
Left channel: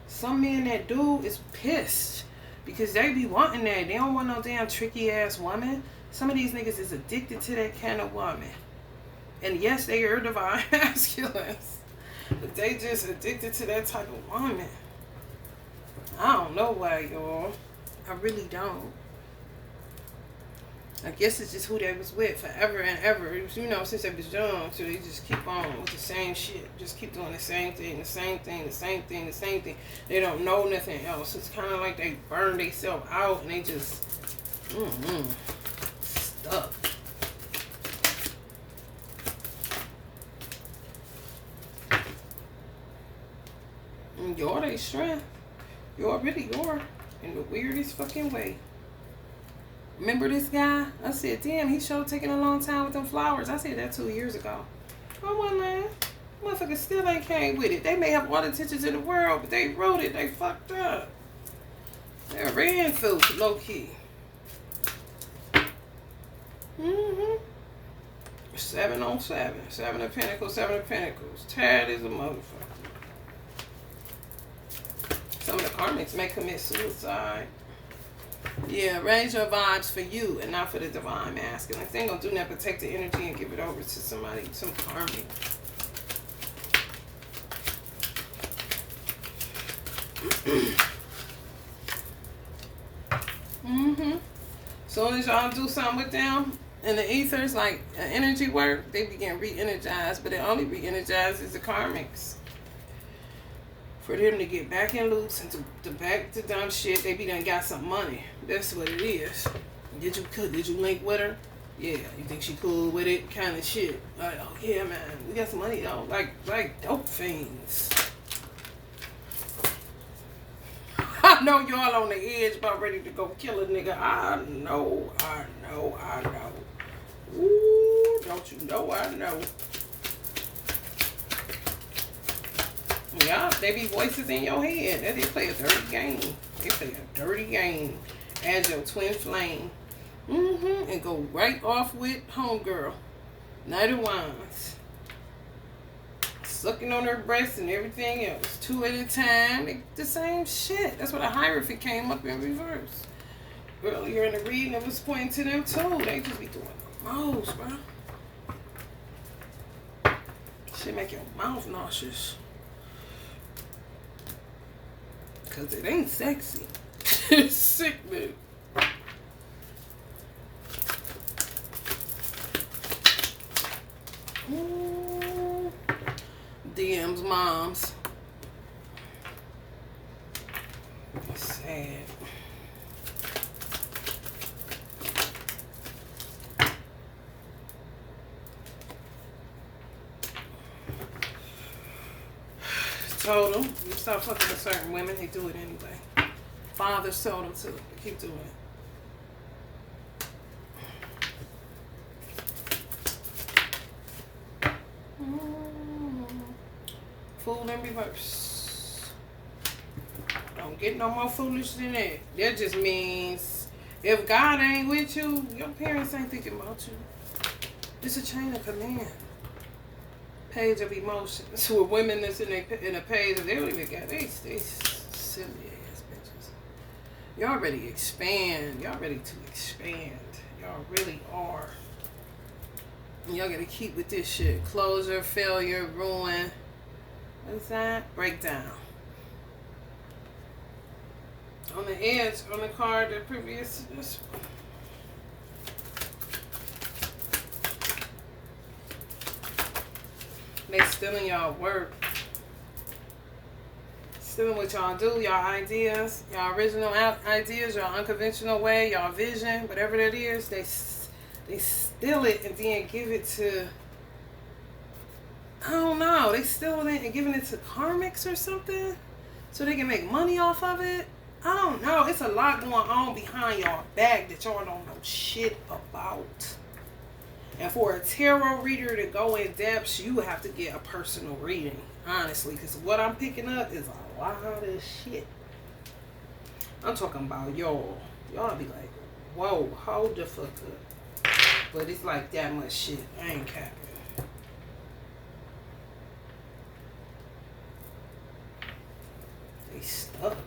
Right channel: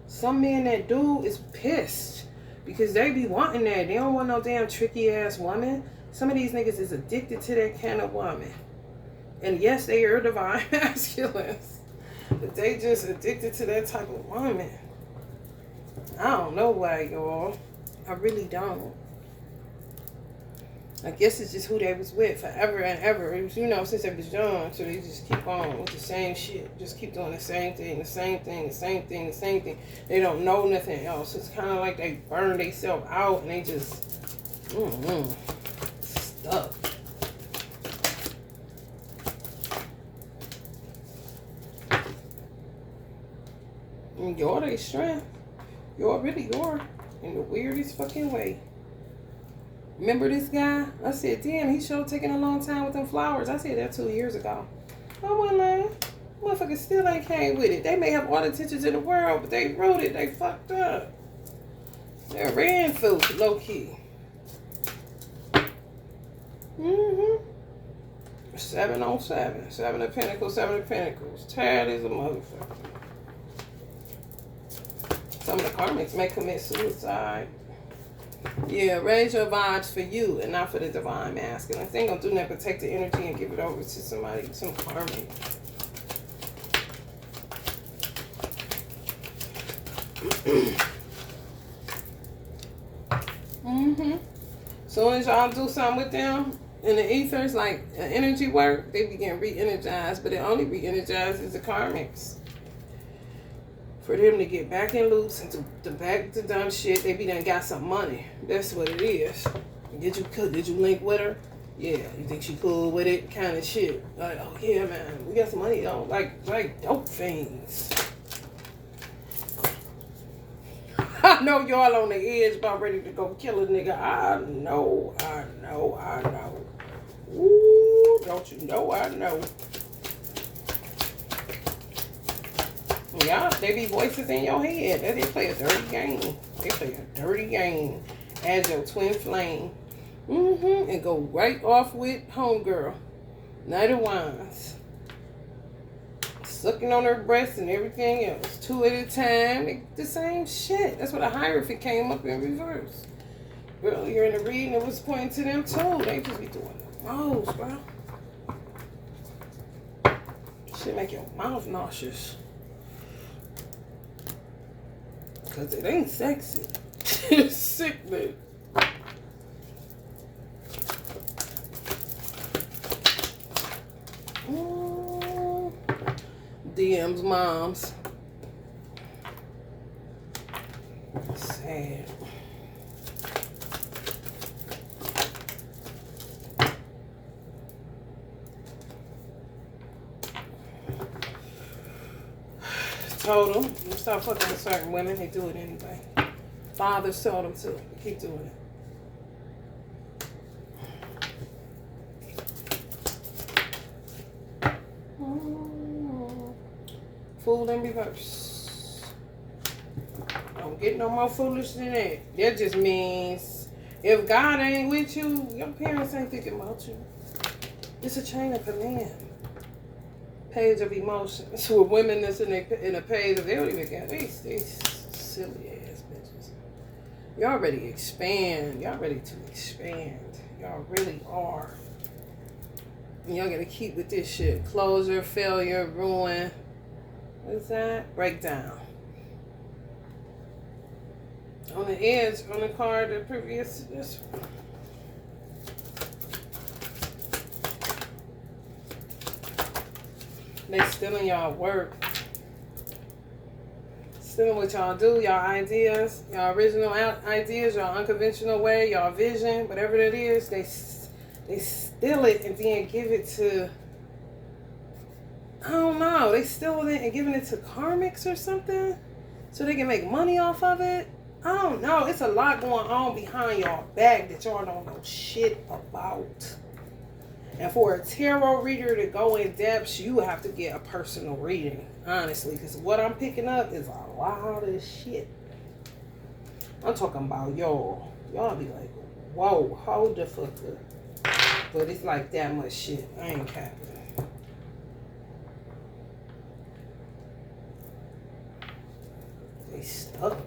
Some men that do is pissed because they be wanting that. They don't want no damn tricky ass woman. Some of these niggas is addicted to that kind of woman. And yes, they are divine masculines. But they just addicted to that type of woman. I don't know why, y'all. I really don't. I guess it's just who they was with forever and ever. You know, since they was young. So they just keep on with the same shit. Just keep doing the same thing, the same thing, the same thing, the same thing. They don't know nothing else. It's kind of like they burn themselves out and they just stuck. And you're their strength. You're really your in the weirdest fucking way. Remember this guy? I said, damn, he sure taking a long time with them flowers. I said that 2 years ago. I wasn't lying. Motherfuckers still ain't came with it. They may have all the intentions in the world, but they wrote it. They fucked up. They ran through low key. 7 on 7. 7 of Pentacles, 7 of Pentacles. Tired as a motherfucker. Some of the karmics may commit suicide. Yeah, raise your vibes for you and not for the divine masculine. They ain't gonna do nothing but take the energy and give it over to somebody, some karmic. Soon as y'all do something with them in the ethers, like energy work, they begin re-energized, but it only re-energizes the karmics. For them to get back in loops and to back to dumb shit, they be done got some money. That's what it is. Did you link with her? Yeah. You think she cool with it? Kind of shit. Like, oh yeah, man, we got some money though. Like dope fiends. I know y'all on the edge about ready to go kill a nigga. I know. Ooh, don't you know I know. Yeah, they be voices in your head. They play a dirty game. They play a dirty game. Add your twin flame. And go right off with homegirl. Knight of Wands. Sucking on her breasts and everything else. 2 at a time. They, the same shit. That's what a Hierophant came up in reverse. Earlier in the reading, it was pointing to them too. They just be doing the most, bro. Shit make your mouth nauseous. Because it ain't sexy. It's sickening. Them's moms. Sad. Told them, you stop fucking with certain women, they do it anyway. Fathers told them to keep doing it. Fool in reverse. Don't get no more foolish than that. That just means if God ain't with you, your parents ain't thinking about you. It's a chain of command. Page of emotions. For women that's in a page of, they don't even got, they silly ass bitches. Y'all ready to expand. Y'all ready to expand. Y'all really are. And y'all gotta keep with this shit. Closure, failure, ruin. What's that? Breakdown. On the edge, on the card, the previous, this one. They stealing y'all work. Stealing what y'all do, y'all ideas, y'all original ideas, y'all unconventional way, y'all vision, whatever that is. They steal it and then give it to, I don't know. They stealing it and giving it to karmics or something so they can make money off of it. I don't know. It's a lot going on behind y'all back that y'all don't know shit about. And for a tarot reader to go in depth, you have to get a personal reading, honestly. Because what I'm picking up is a lot of shit. I'm talking about y'all. Y'all be like, whoa, hold the fuck up. But it's like that much shit. I ain't capping. They stuck.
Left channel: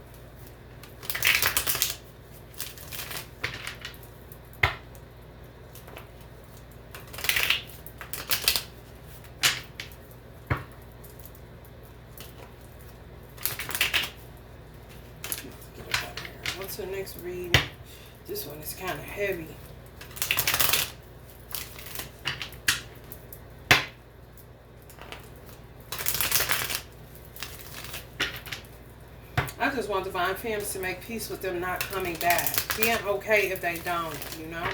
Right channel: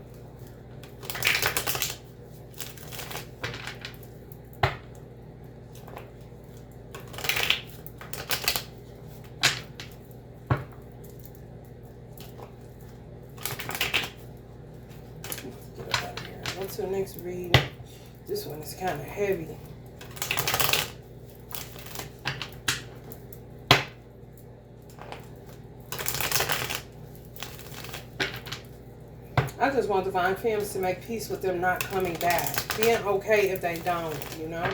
To the next read. This one is kind of heavy. I just want divine femmes to make peace with them not coming back. Being okay if they don't, you know?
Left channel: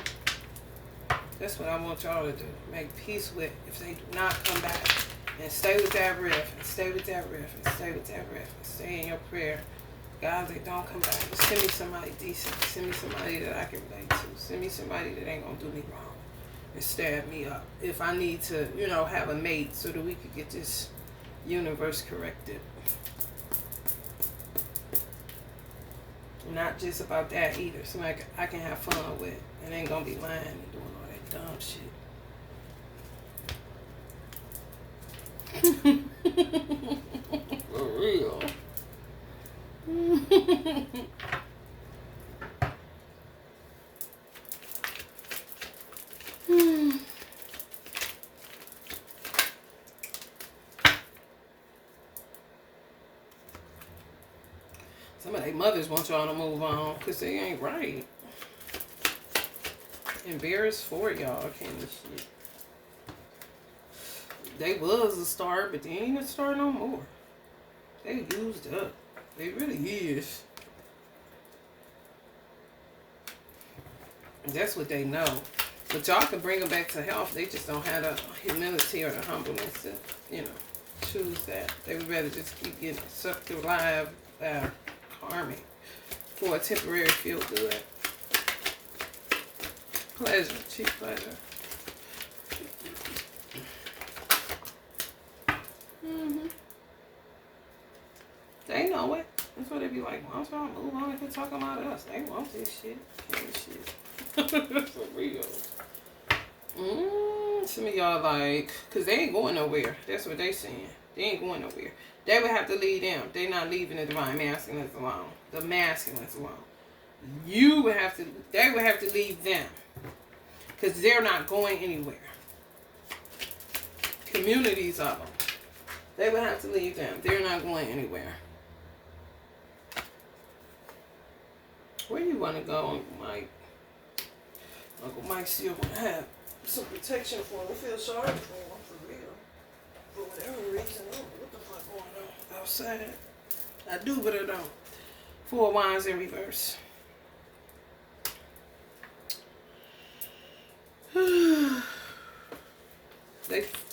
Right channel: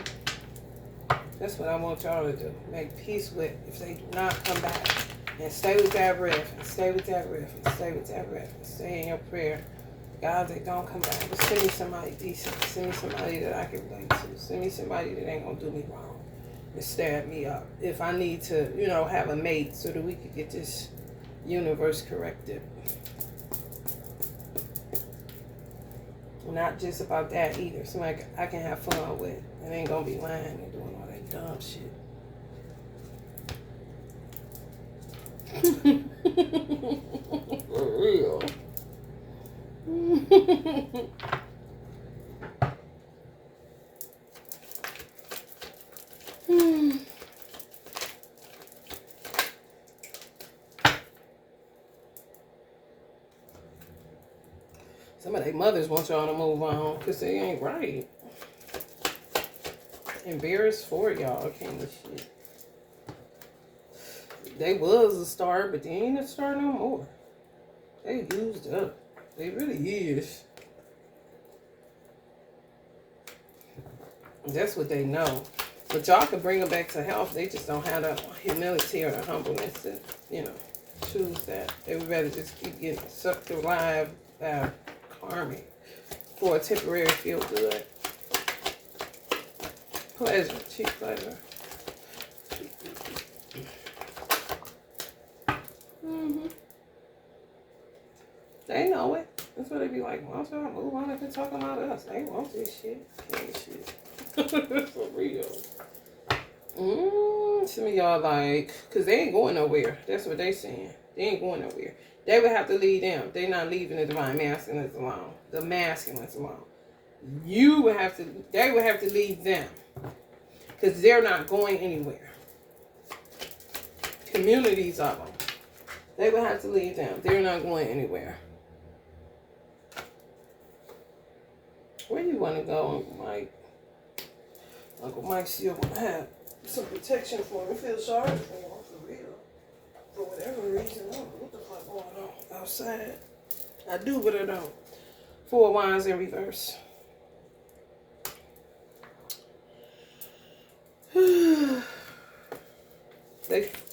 That's what I want y'all to do. Make peace with if they do not come back. And stay with that breath. And stay with that breath. And stay with that breath. And stay in your prayer. God, they don't come back. Just send me somebody decent. Send me somebody that I can relate to. Send me somebody that ain't gonna do me wrong and stab me up. If I need to, you know, have a mate so that we could get this universe corrected. Not just about that either. Somebody I can have fun with and ain't gonna be lying and doing all that dumb shit. For real. Some of their mothers want y'all to move on because they ain't right. Embarrassed for y'all, kind of shit. They was a star, but they ain't a star no more. They used up. They really is. That's what they know. But y'all can bring them back to health. They just don't have the humility or the humbleness to, you know, choose that. They would rather just keep getting sucked alive by karmic for a temporary feel good. Pleasure, cheap pleasure. They know it. That's what they be like, why don't y'all move on if they're talking about us? They want this shit. Can't shit. For real. Some of y'all like, because they ain't going nowhere. That's what they saying. They ain't going nowhere. They would have to leave them. They not leaving the divine masculines alone. The masculines alone. You would have to, they would have to leave them. Because they're not going anywhere. Communities of them. They would have to leave them. They're not going anywhere. Where you want to go, Uncle Mike? Uncle Mike still want to have some protection for him. He feels sorry for him, for real. For whatever reason, I don't know what the fuck going on outside. I do, but I don't. 4 of Wands in reverse.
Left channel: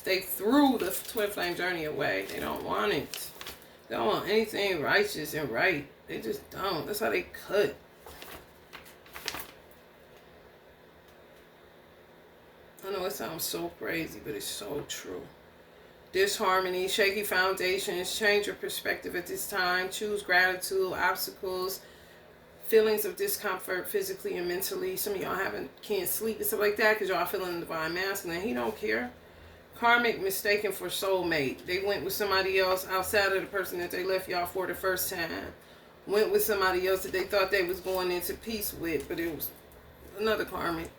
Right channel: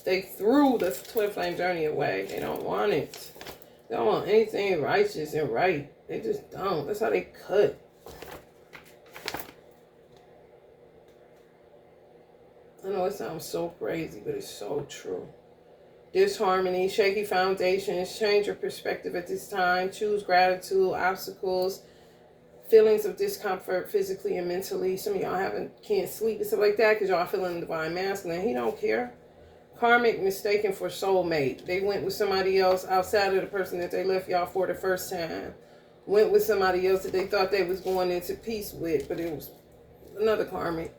They threw the twin flame journey away. They don't want it. They don't want anything righteous and right. They just don't. That's how they cut. I know it sounds so crazy, but it's so true. Disharmony, shaky foundations, change your perspective at this time. Choose gratitude, obstacles, feelings of discomfort physically and mentally. Some of y'all can't sleep and stuff like that because y'all feeling the divine masculine. He don't care. Karmic, mistaken for soulmate. They went with somebody else outside of the person that they left y'all for the first time. Went with somebody else that they thought they was going into peace with, but it was another karmic.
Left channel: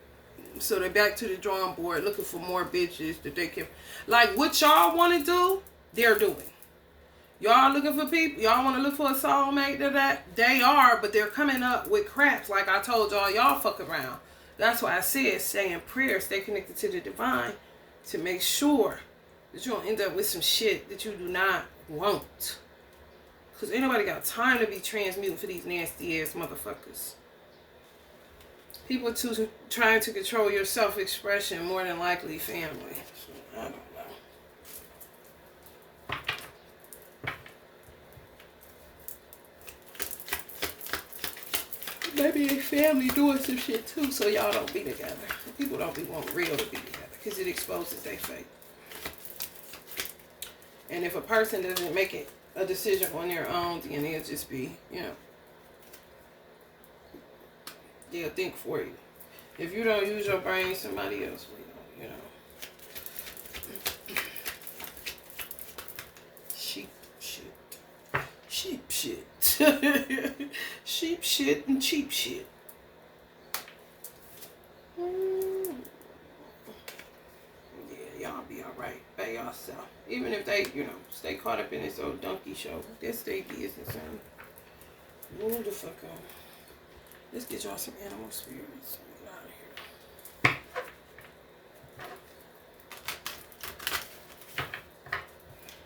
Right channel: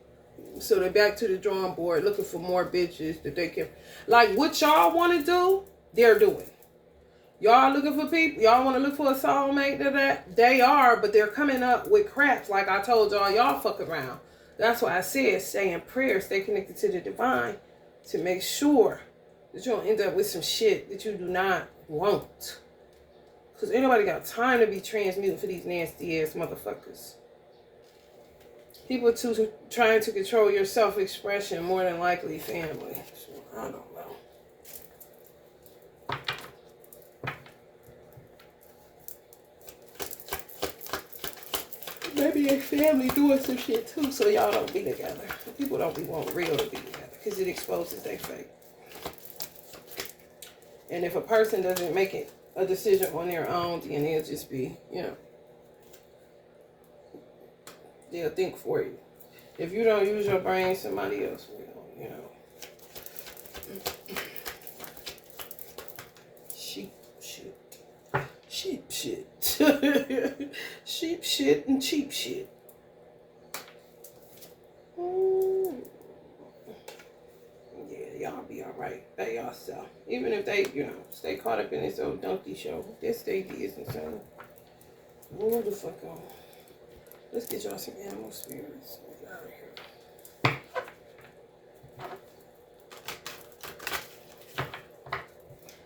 So they're back to the drawing board looking for more bitches that they can. Like what y'all want to do, they're doing. Y'all looking for people, y'all want to look for a soulmate, that they are, but they're coming up with craps. Like I told y'all fuck around. That's why I said stay in prayer, stay connected to the divine to make sure that you don't end up with some shit that you do not want. Because ain't nobody got time to be transmuting for these nasty ass motherfuckers. People trying to control your self-expression, more than likely family. So, I don't know. Maybe your family doing some shit too, so y'all don't be together. People don't be wanting real to be together because it exposes their fate. And if a person doesn't make it a decision on their own, then it'll just be, they'll think for you. If you don't use your brain, somebody else will, Sheep shit. Sheep shit. Sheep shit and cheap shit. Yeah, y'all be alright by yourself. Even if they, stay caught up in this old donkey show. That's their business, honey. Move the fuck on. Let's get y'all some animal spirits. Get out of here.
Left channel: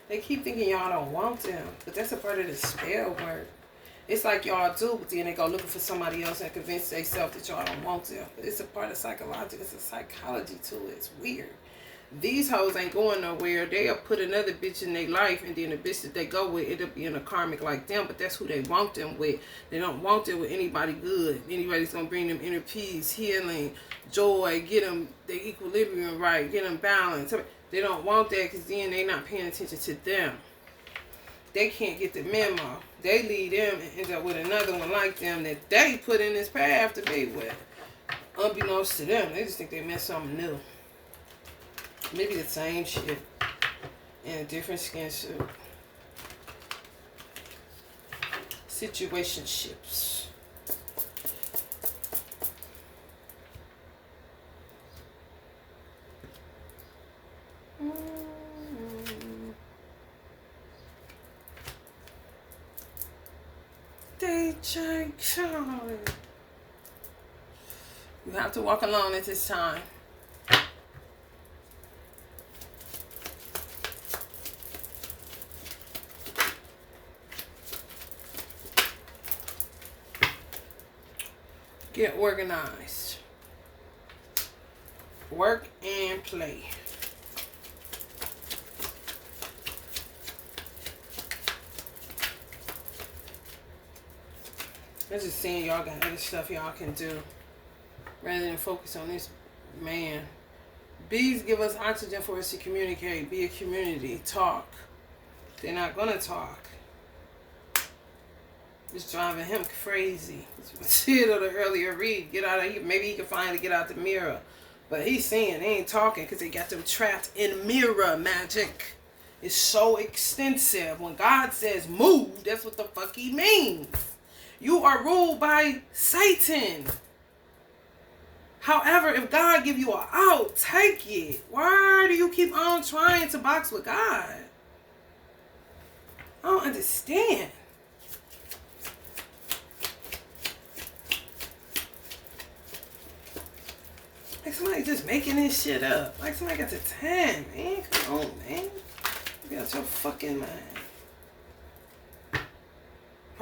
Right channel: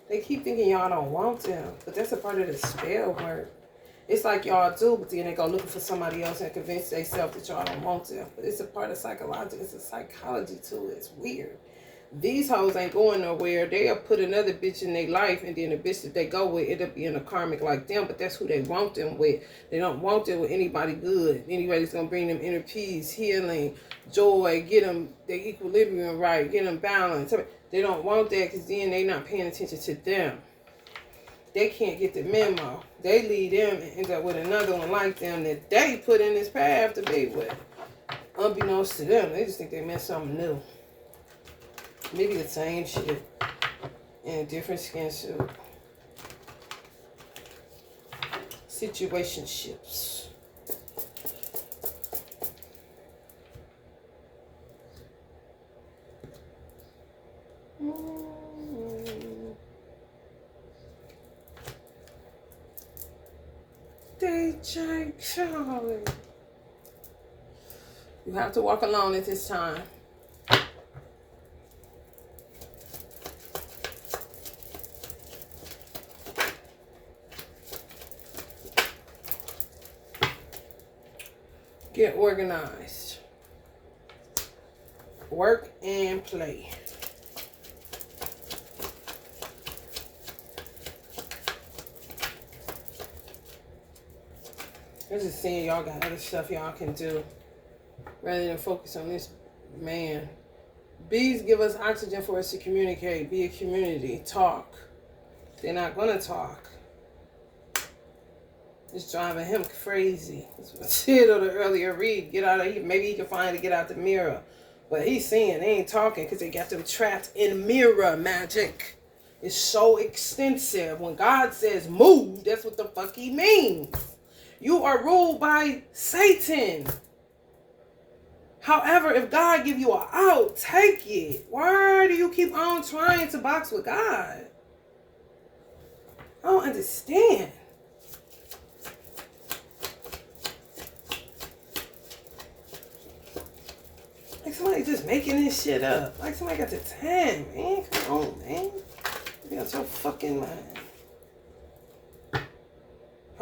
They keep thinking y'all don't want them, but that's a part of the spell work. It's like y'all do, but then they go looking for somebody else and convince themselves that y'all don't want them. But it's a part of psychology. It's a psychology to it. It's weird. These hoes ain't going nowhere. They'll put another bitch in their life, and then the bitch that they go with end up being a karmic like them, but that's who they want them with. They don't want them with anybody good. Anybody's going to bring them inner peace, healing, joy, get them their equilibrium right, get them balanced. They don't want that because then they not paying attention to them. They can't get the memo. They lead them and end up with another one like them that they put in this path to be with. Unbeknownst to them, they just think they meant something new. Maybe the same shit in a different skin suit. Situationships. DJ Charlie. You have to walk alone at this time. Get organized. Work and play. I'm just saying y'all got other stuff y'all can do rather than focus on this man. Bees give us oxygen for us to communicate, be a community, talk. They're not going to talk. It's driving him crazy. That's what I said on the earlier read. Get out of here. Maybe he can finally get out the mirror. But he's saying they ain't talking because they got them trapped in mirror magic. It's so extensive. When God says move, that's what the fuck he means. You are ruled by Satan. However, if God give you an out, take it. Why do you keep on trying to box with God? I don't understand. Like somebody just making this shit up. Like somebody got the time, man. Come on, man. You got your fucking mind.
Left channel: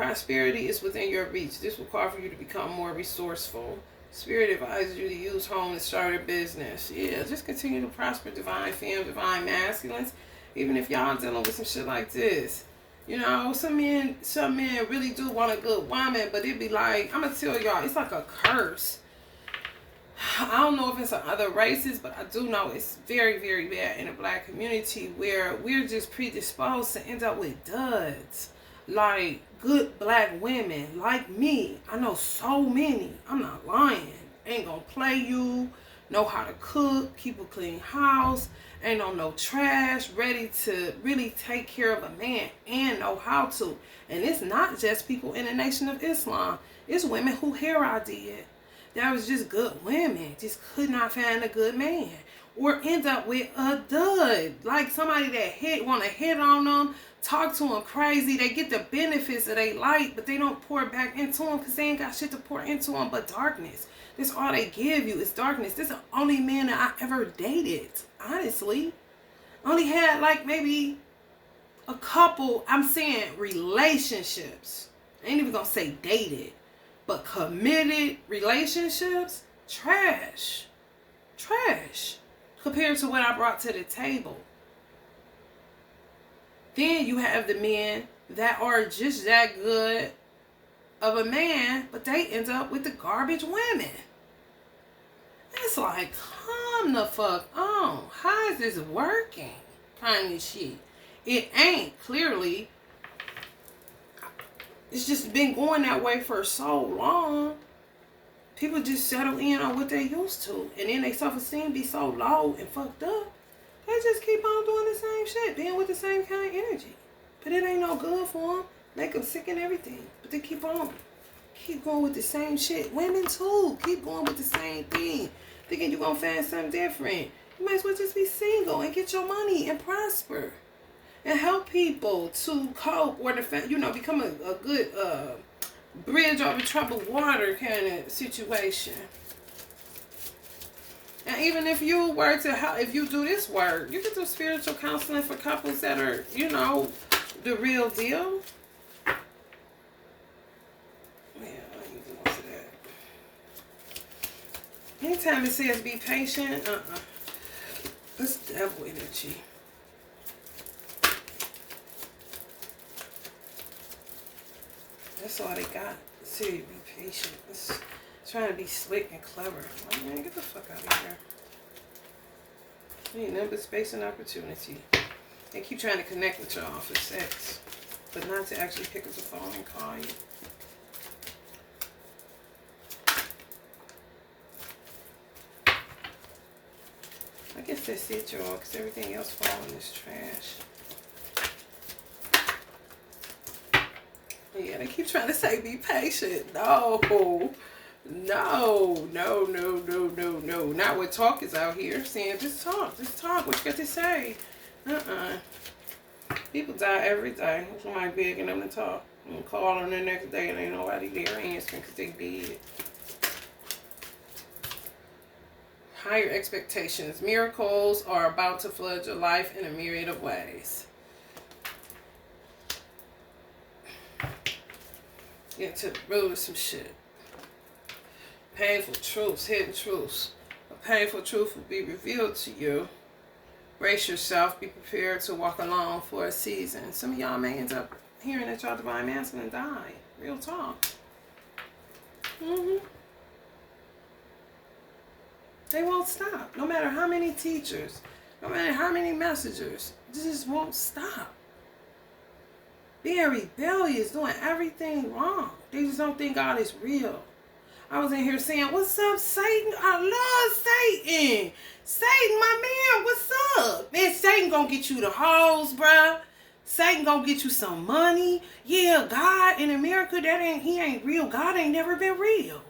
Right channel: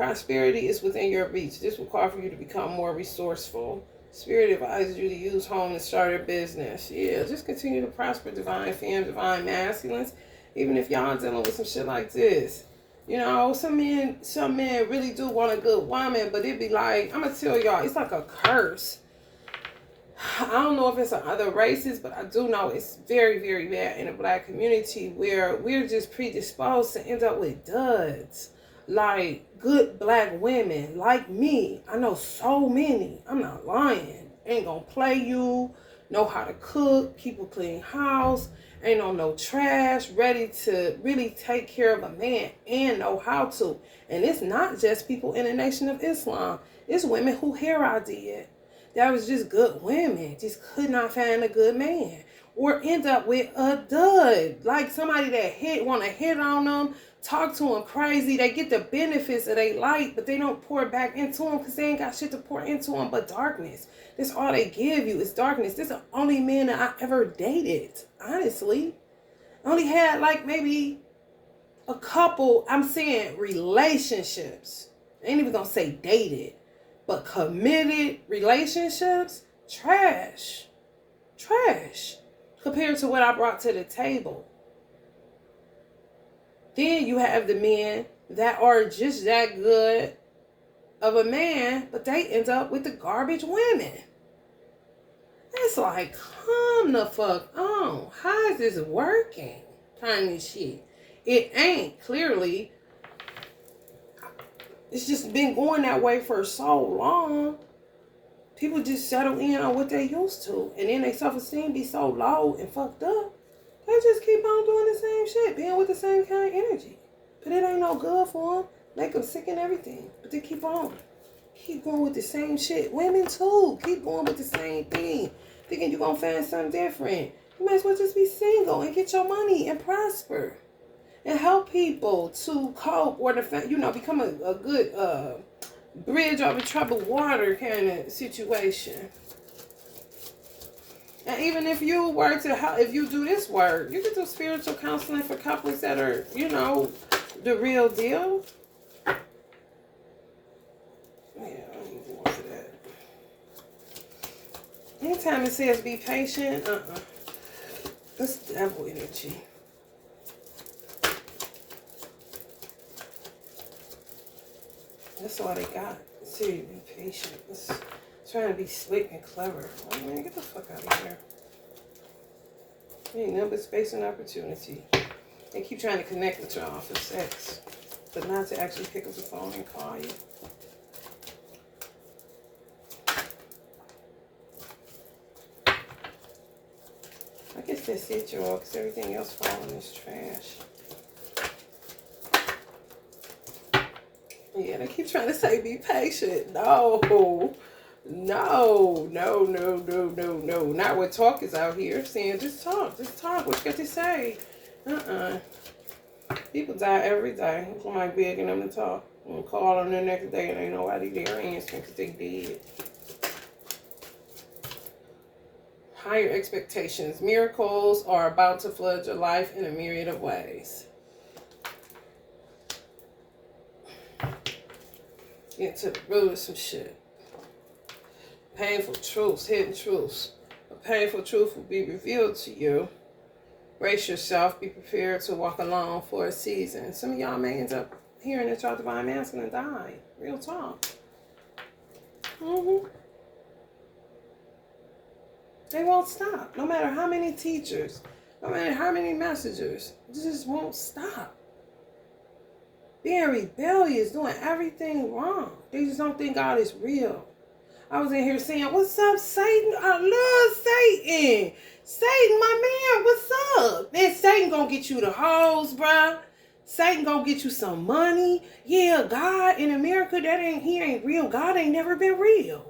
Prosperity is within your reach. This will call for you to become more resourceful. Spirit advises you to use home and start a business. Yeah, just continue to prosper, divine femme, divine masculines. Even if y'all dealing with some shit like this. You know, some men really do want a good woman, but it be like, I'm gonna tell y'all, it's like a curse. I don't know if it's in other races, but I do know it's very, very bad in the black community where we're just predisposed to end up with duds. Like good black women like me. I know so many. I'm not lying. Ain't gonna play you. Know how to cook. Keep a clean house. Ain't on no trash. Ready to really take care of a man and know how to. And it's not just people in the Nation of Islam. It's women who here I did. That was just good women. Just could not find a good man. Or end up with a dud. Like somebody that want to hit on them. Talk to them crazy. They get the benefits that they like, but they don't pour back into them because they ain't got shit to pour into them but darkness. That's all they give you is darkness. This is the only man that I ever dated, honestly. Only had like maybe a couple, I'm saying relationships. I ain't even gonna say dated, but committed relationships, trash. Trash. Compared to what I brought to the table. Then you have the men that are just that good of a man, but they end up with the garbage women. It's like, come the fuck on. How is this working? Kind of shit. It ain't, clearly. It's just been going that way for so long. People just settle in on what they used to. And then their self-esteem be so low and fucked up. They just keep on doing the same shit, being with the same kind of energy. But it ain't no good for them. Make them sick and everything. But they keep on. Keep going with the same shit. Women too. Keep going with the same thing. Thinking you're going to find something different. You might as well just be single and get your money and prosper. And help people to cope or, become a good bridge over troubled water kind of situation. And even if you were to, if you do this work, you can do spiritual counseling for couples that are, the real deal. Yeah, I ain't going for that. Anytime it says be patient, that's devil energy. That's all they got. See, be patient. It's trying to be slick and clever. Oh, man, get the fuck out of here. You ain't nothing but space and opportunity. They keep trying to connect with y'all for sex, but not to actually pick up the phone and call you. I guess that's it, y'all, because everything else falls in this trash. Yeah, they keep trying to say be patient. No. Not what talk is out here saying. Just talk. What you got to say? People die every day. Somebody begging them to talk. And call them the next day and ain't nobody there answering because they dead. Higher expectations. Miracles are about to flood your life in a myriad of ways. Get to the root of some shit. Painful truths, hidden truths. A painful truth will be revealed to you. Brace yourself. Be prepared to walk alone for a season. Some of y'all may end up hearing that y'all divine masculine died. Real talk. They won't stop. No matter how many teachers, no matter how many messengers, they just won't stop. Being rebellious, doing everything wrong. They just don't think God is real. I was in here saying, what's up, Satan? I love Satan. Satan, my man, what's up? Man, Satan gonna get you the hoes, bruh. Satan gonna get you some money. Yeah, God in America, he ain't real. God ain't never been real.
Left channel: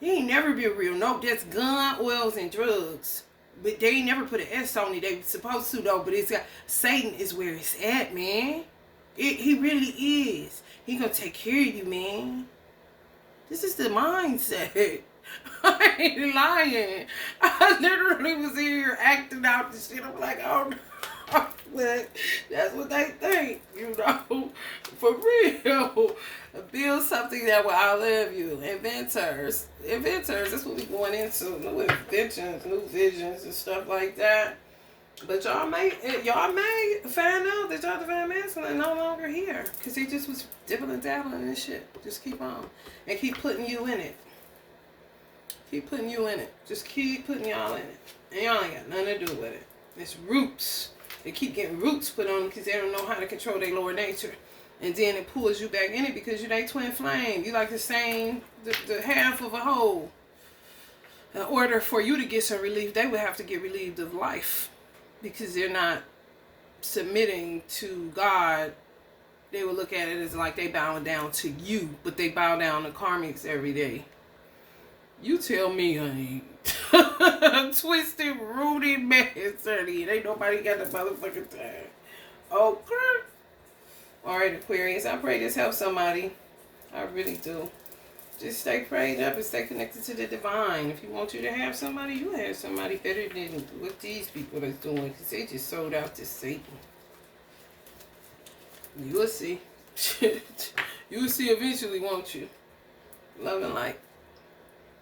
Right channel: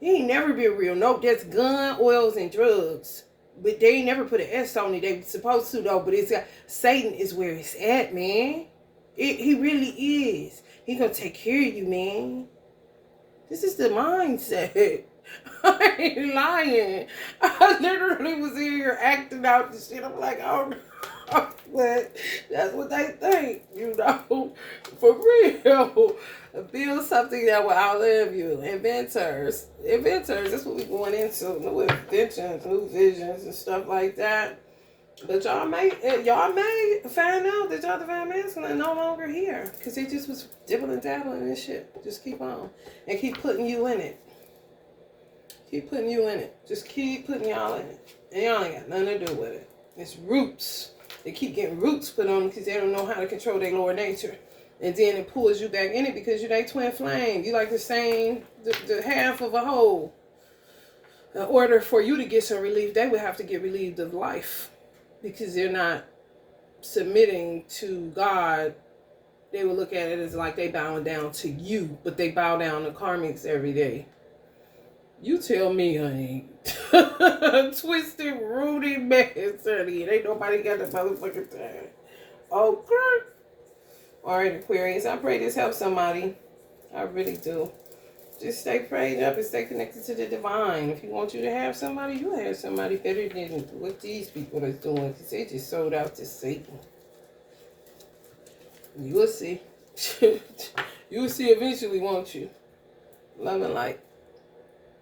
He ain't never been real. Nope, that's gun, oils, and drugs. But they ain't never put an S on it. They were supposed to, though. But it's got, Satan is where it's at, man. He really is. He gonna take care of you, man. This is the mindset. I ain't lying. I literally was in here acting out the shit. I'm like, oh no. But that's what they think, you know, for real. Build something that will outlive you. Inventors. That's what we're going into. New inventions, new visions, and stuff like that. But y'all may find out that y'all divine masculine are no longer here. Because they just was dibbling and dabbling and shit. Just keep on. And keep putting you in it. Keep putting you in it. Just keep putting y'all in it. And y'all ain't got nothing to do with it. It's roots. They keep getting roots put on them because they don't know how to control their lower nature. And then it pulls you back in it because you're that twin flame. You like the half of a whole. In order for you to get some relief, they would have to get relieved of life. Because they're not submitting to God. They would look at it as like they bowing down to you. But they bow down to karmics every day. You tell me, honey. Twisted, Rudy, man, honey. Ain't nobody got the motherfucking time. Okay. Alright, Aquarius. I pray this helps somebody. I really do. Just stay prayed up and stay connected to the divine. If you want you to have somebody, you have somebody better than what these people are doing. Because they just sold out to Satan. You will see. You will see eventually, won't you? Love and light.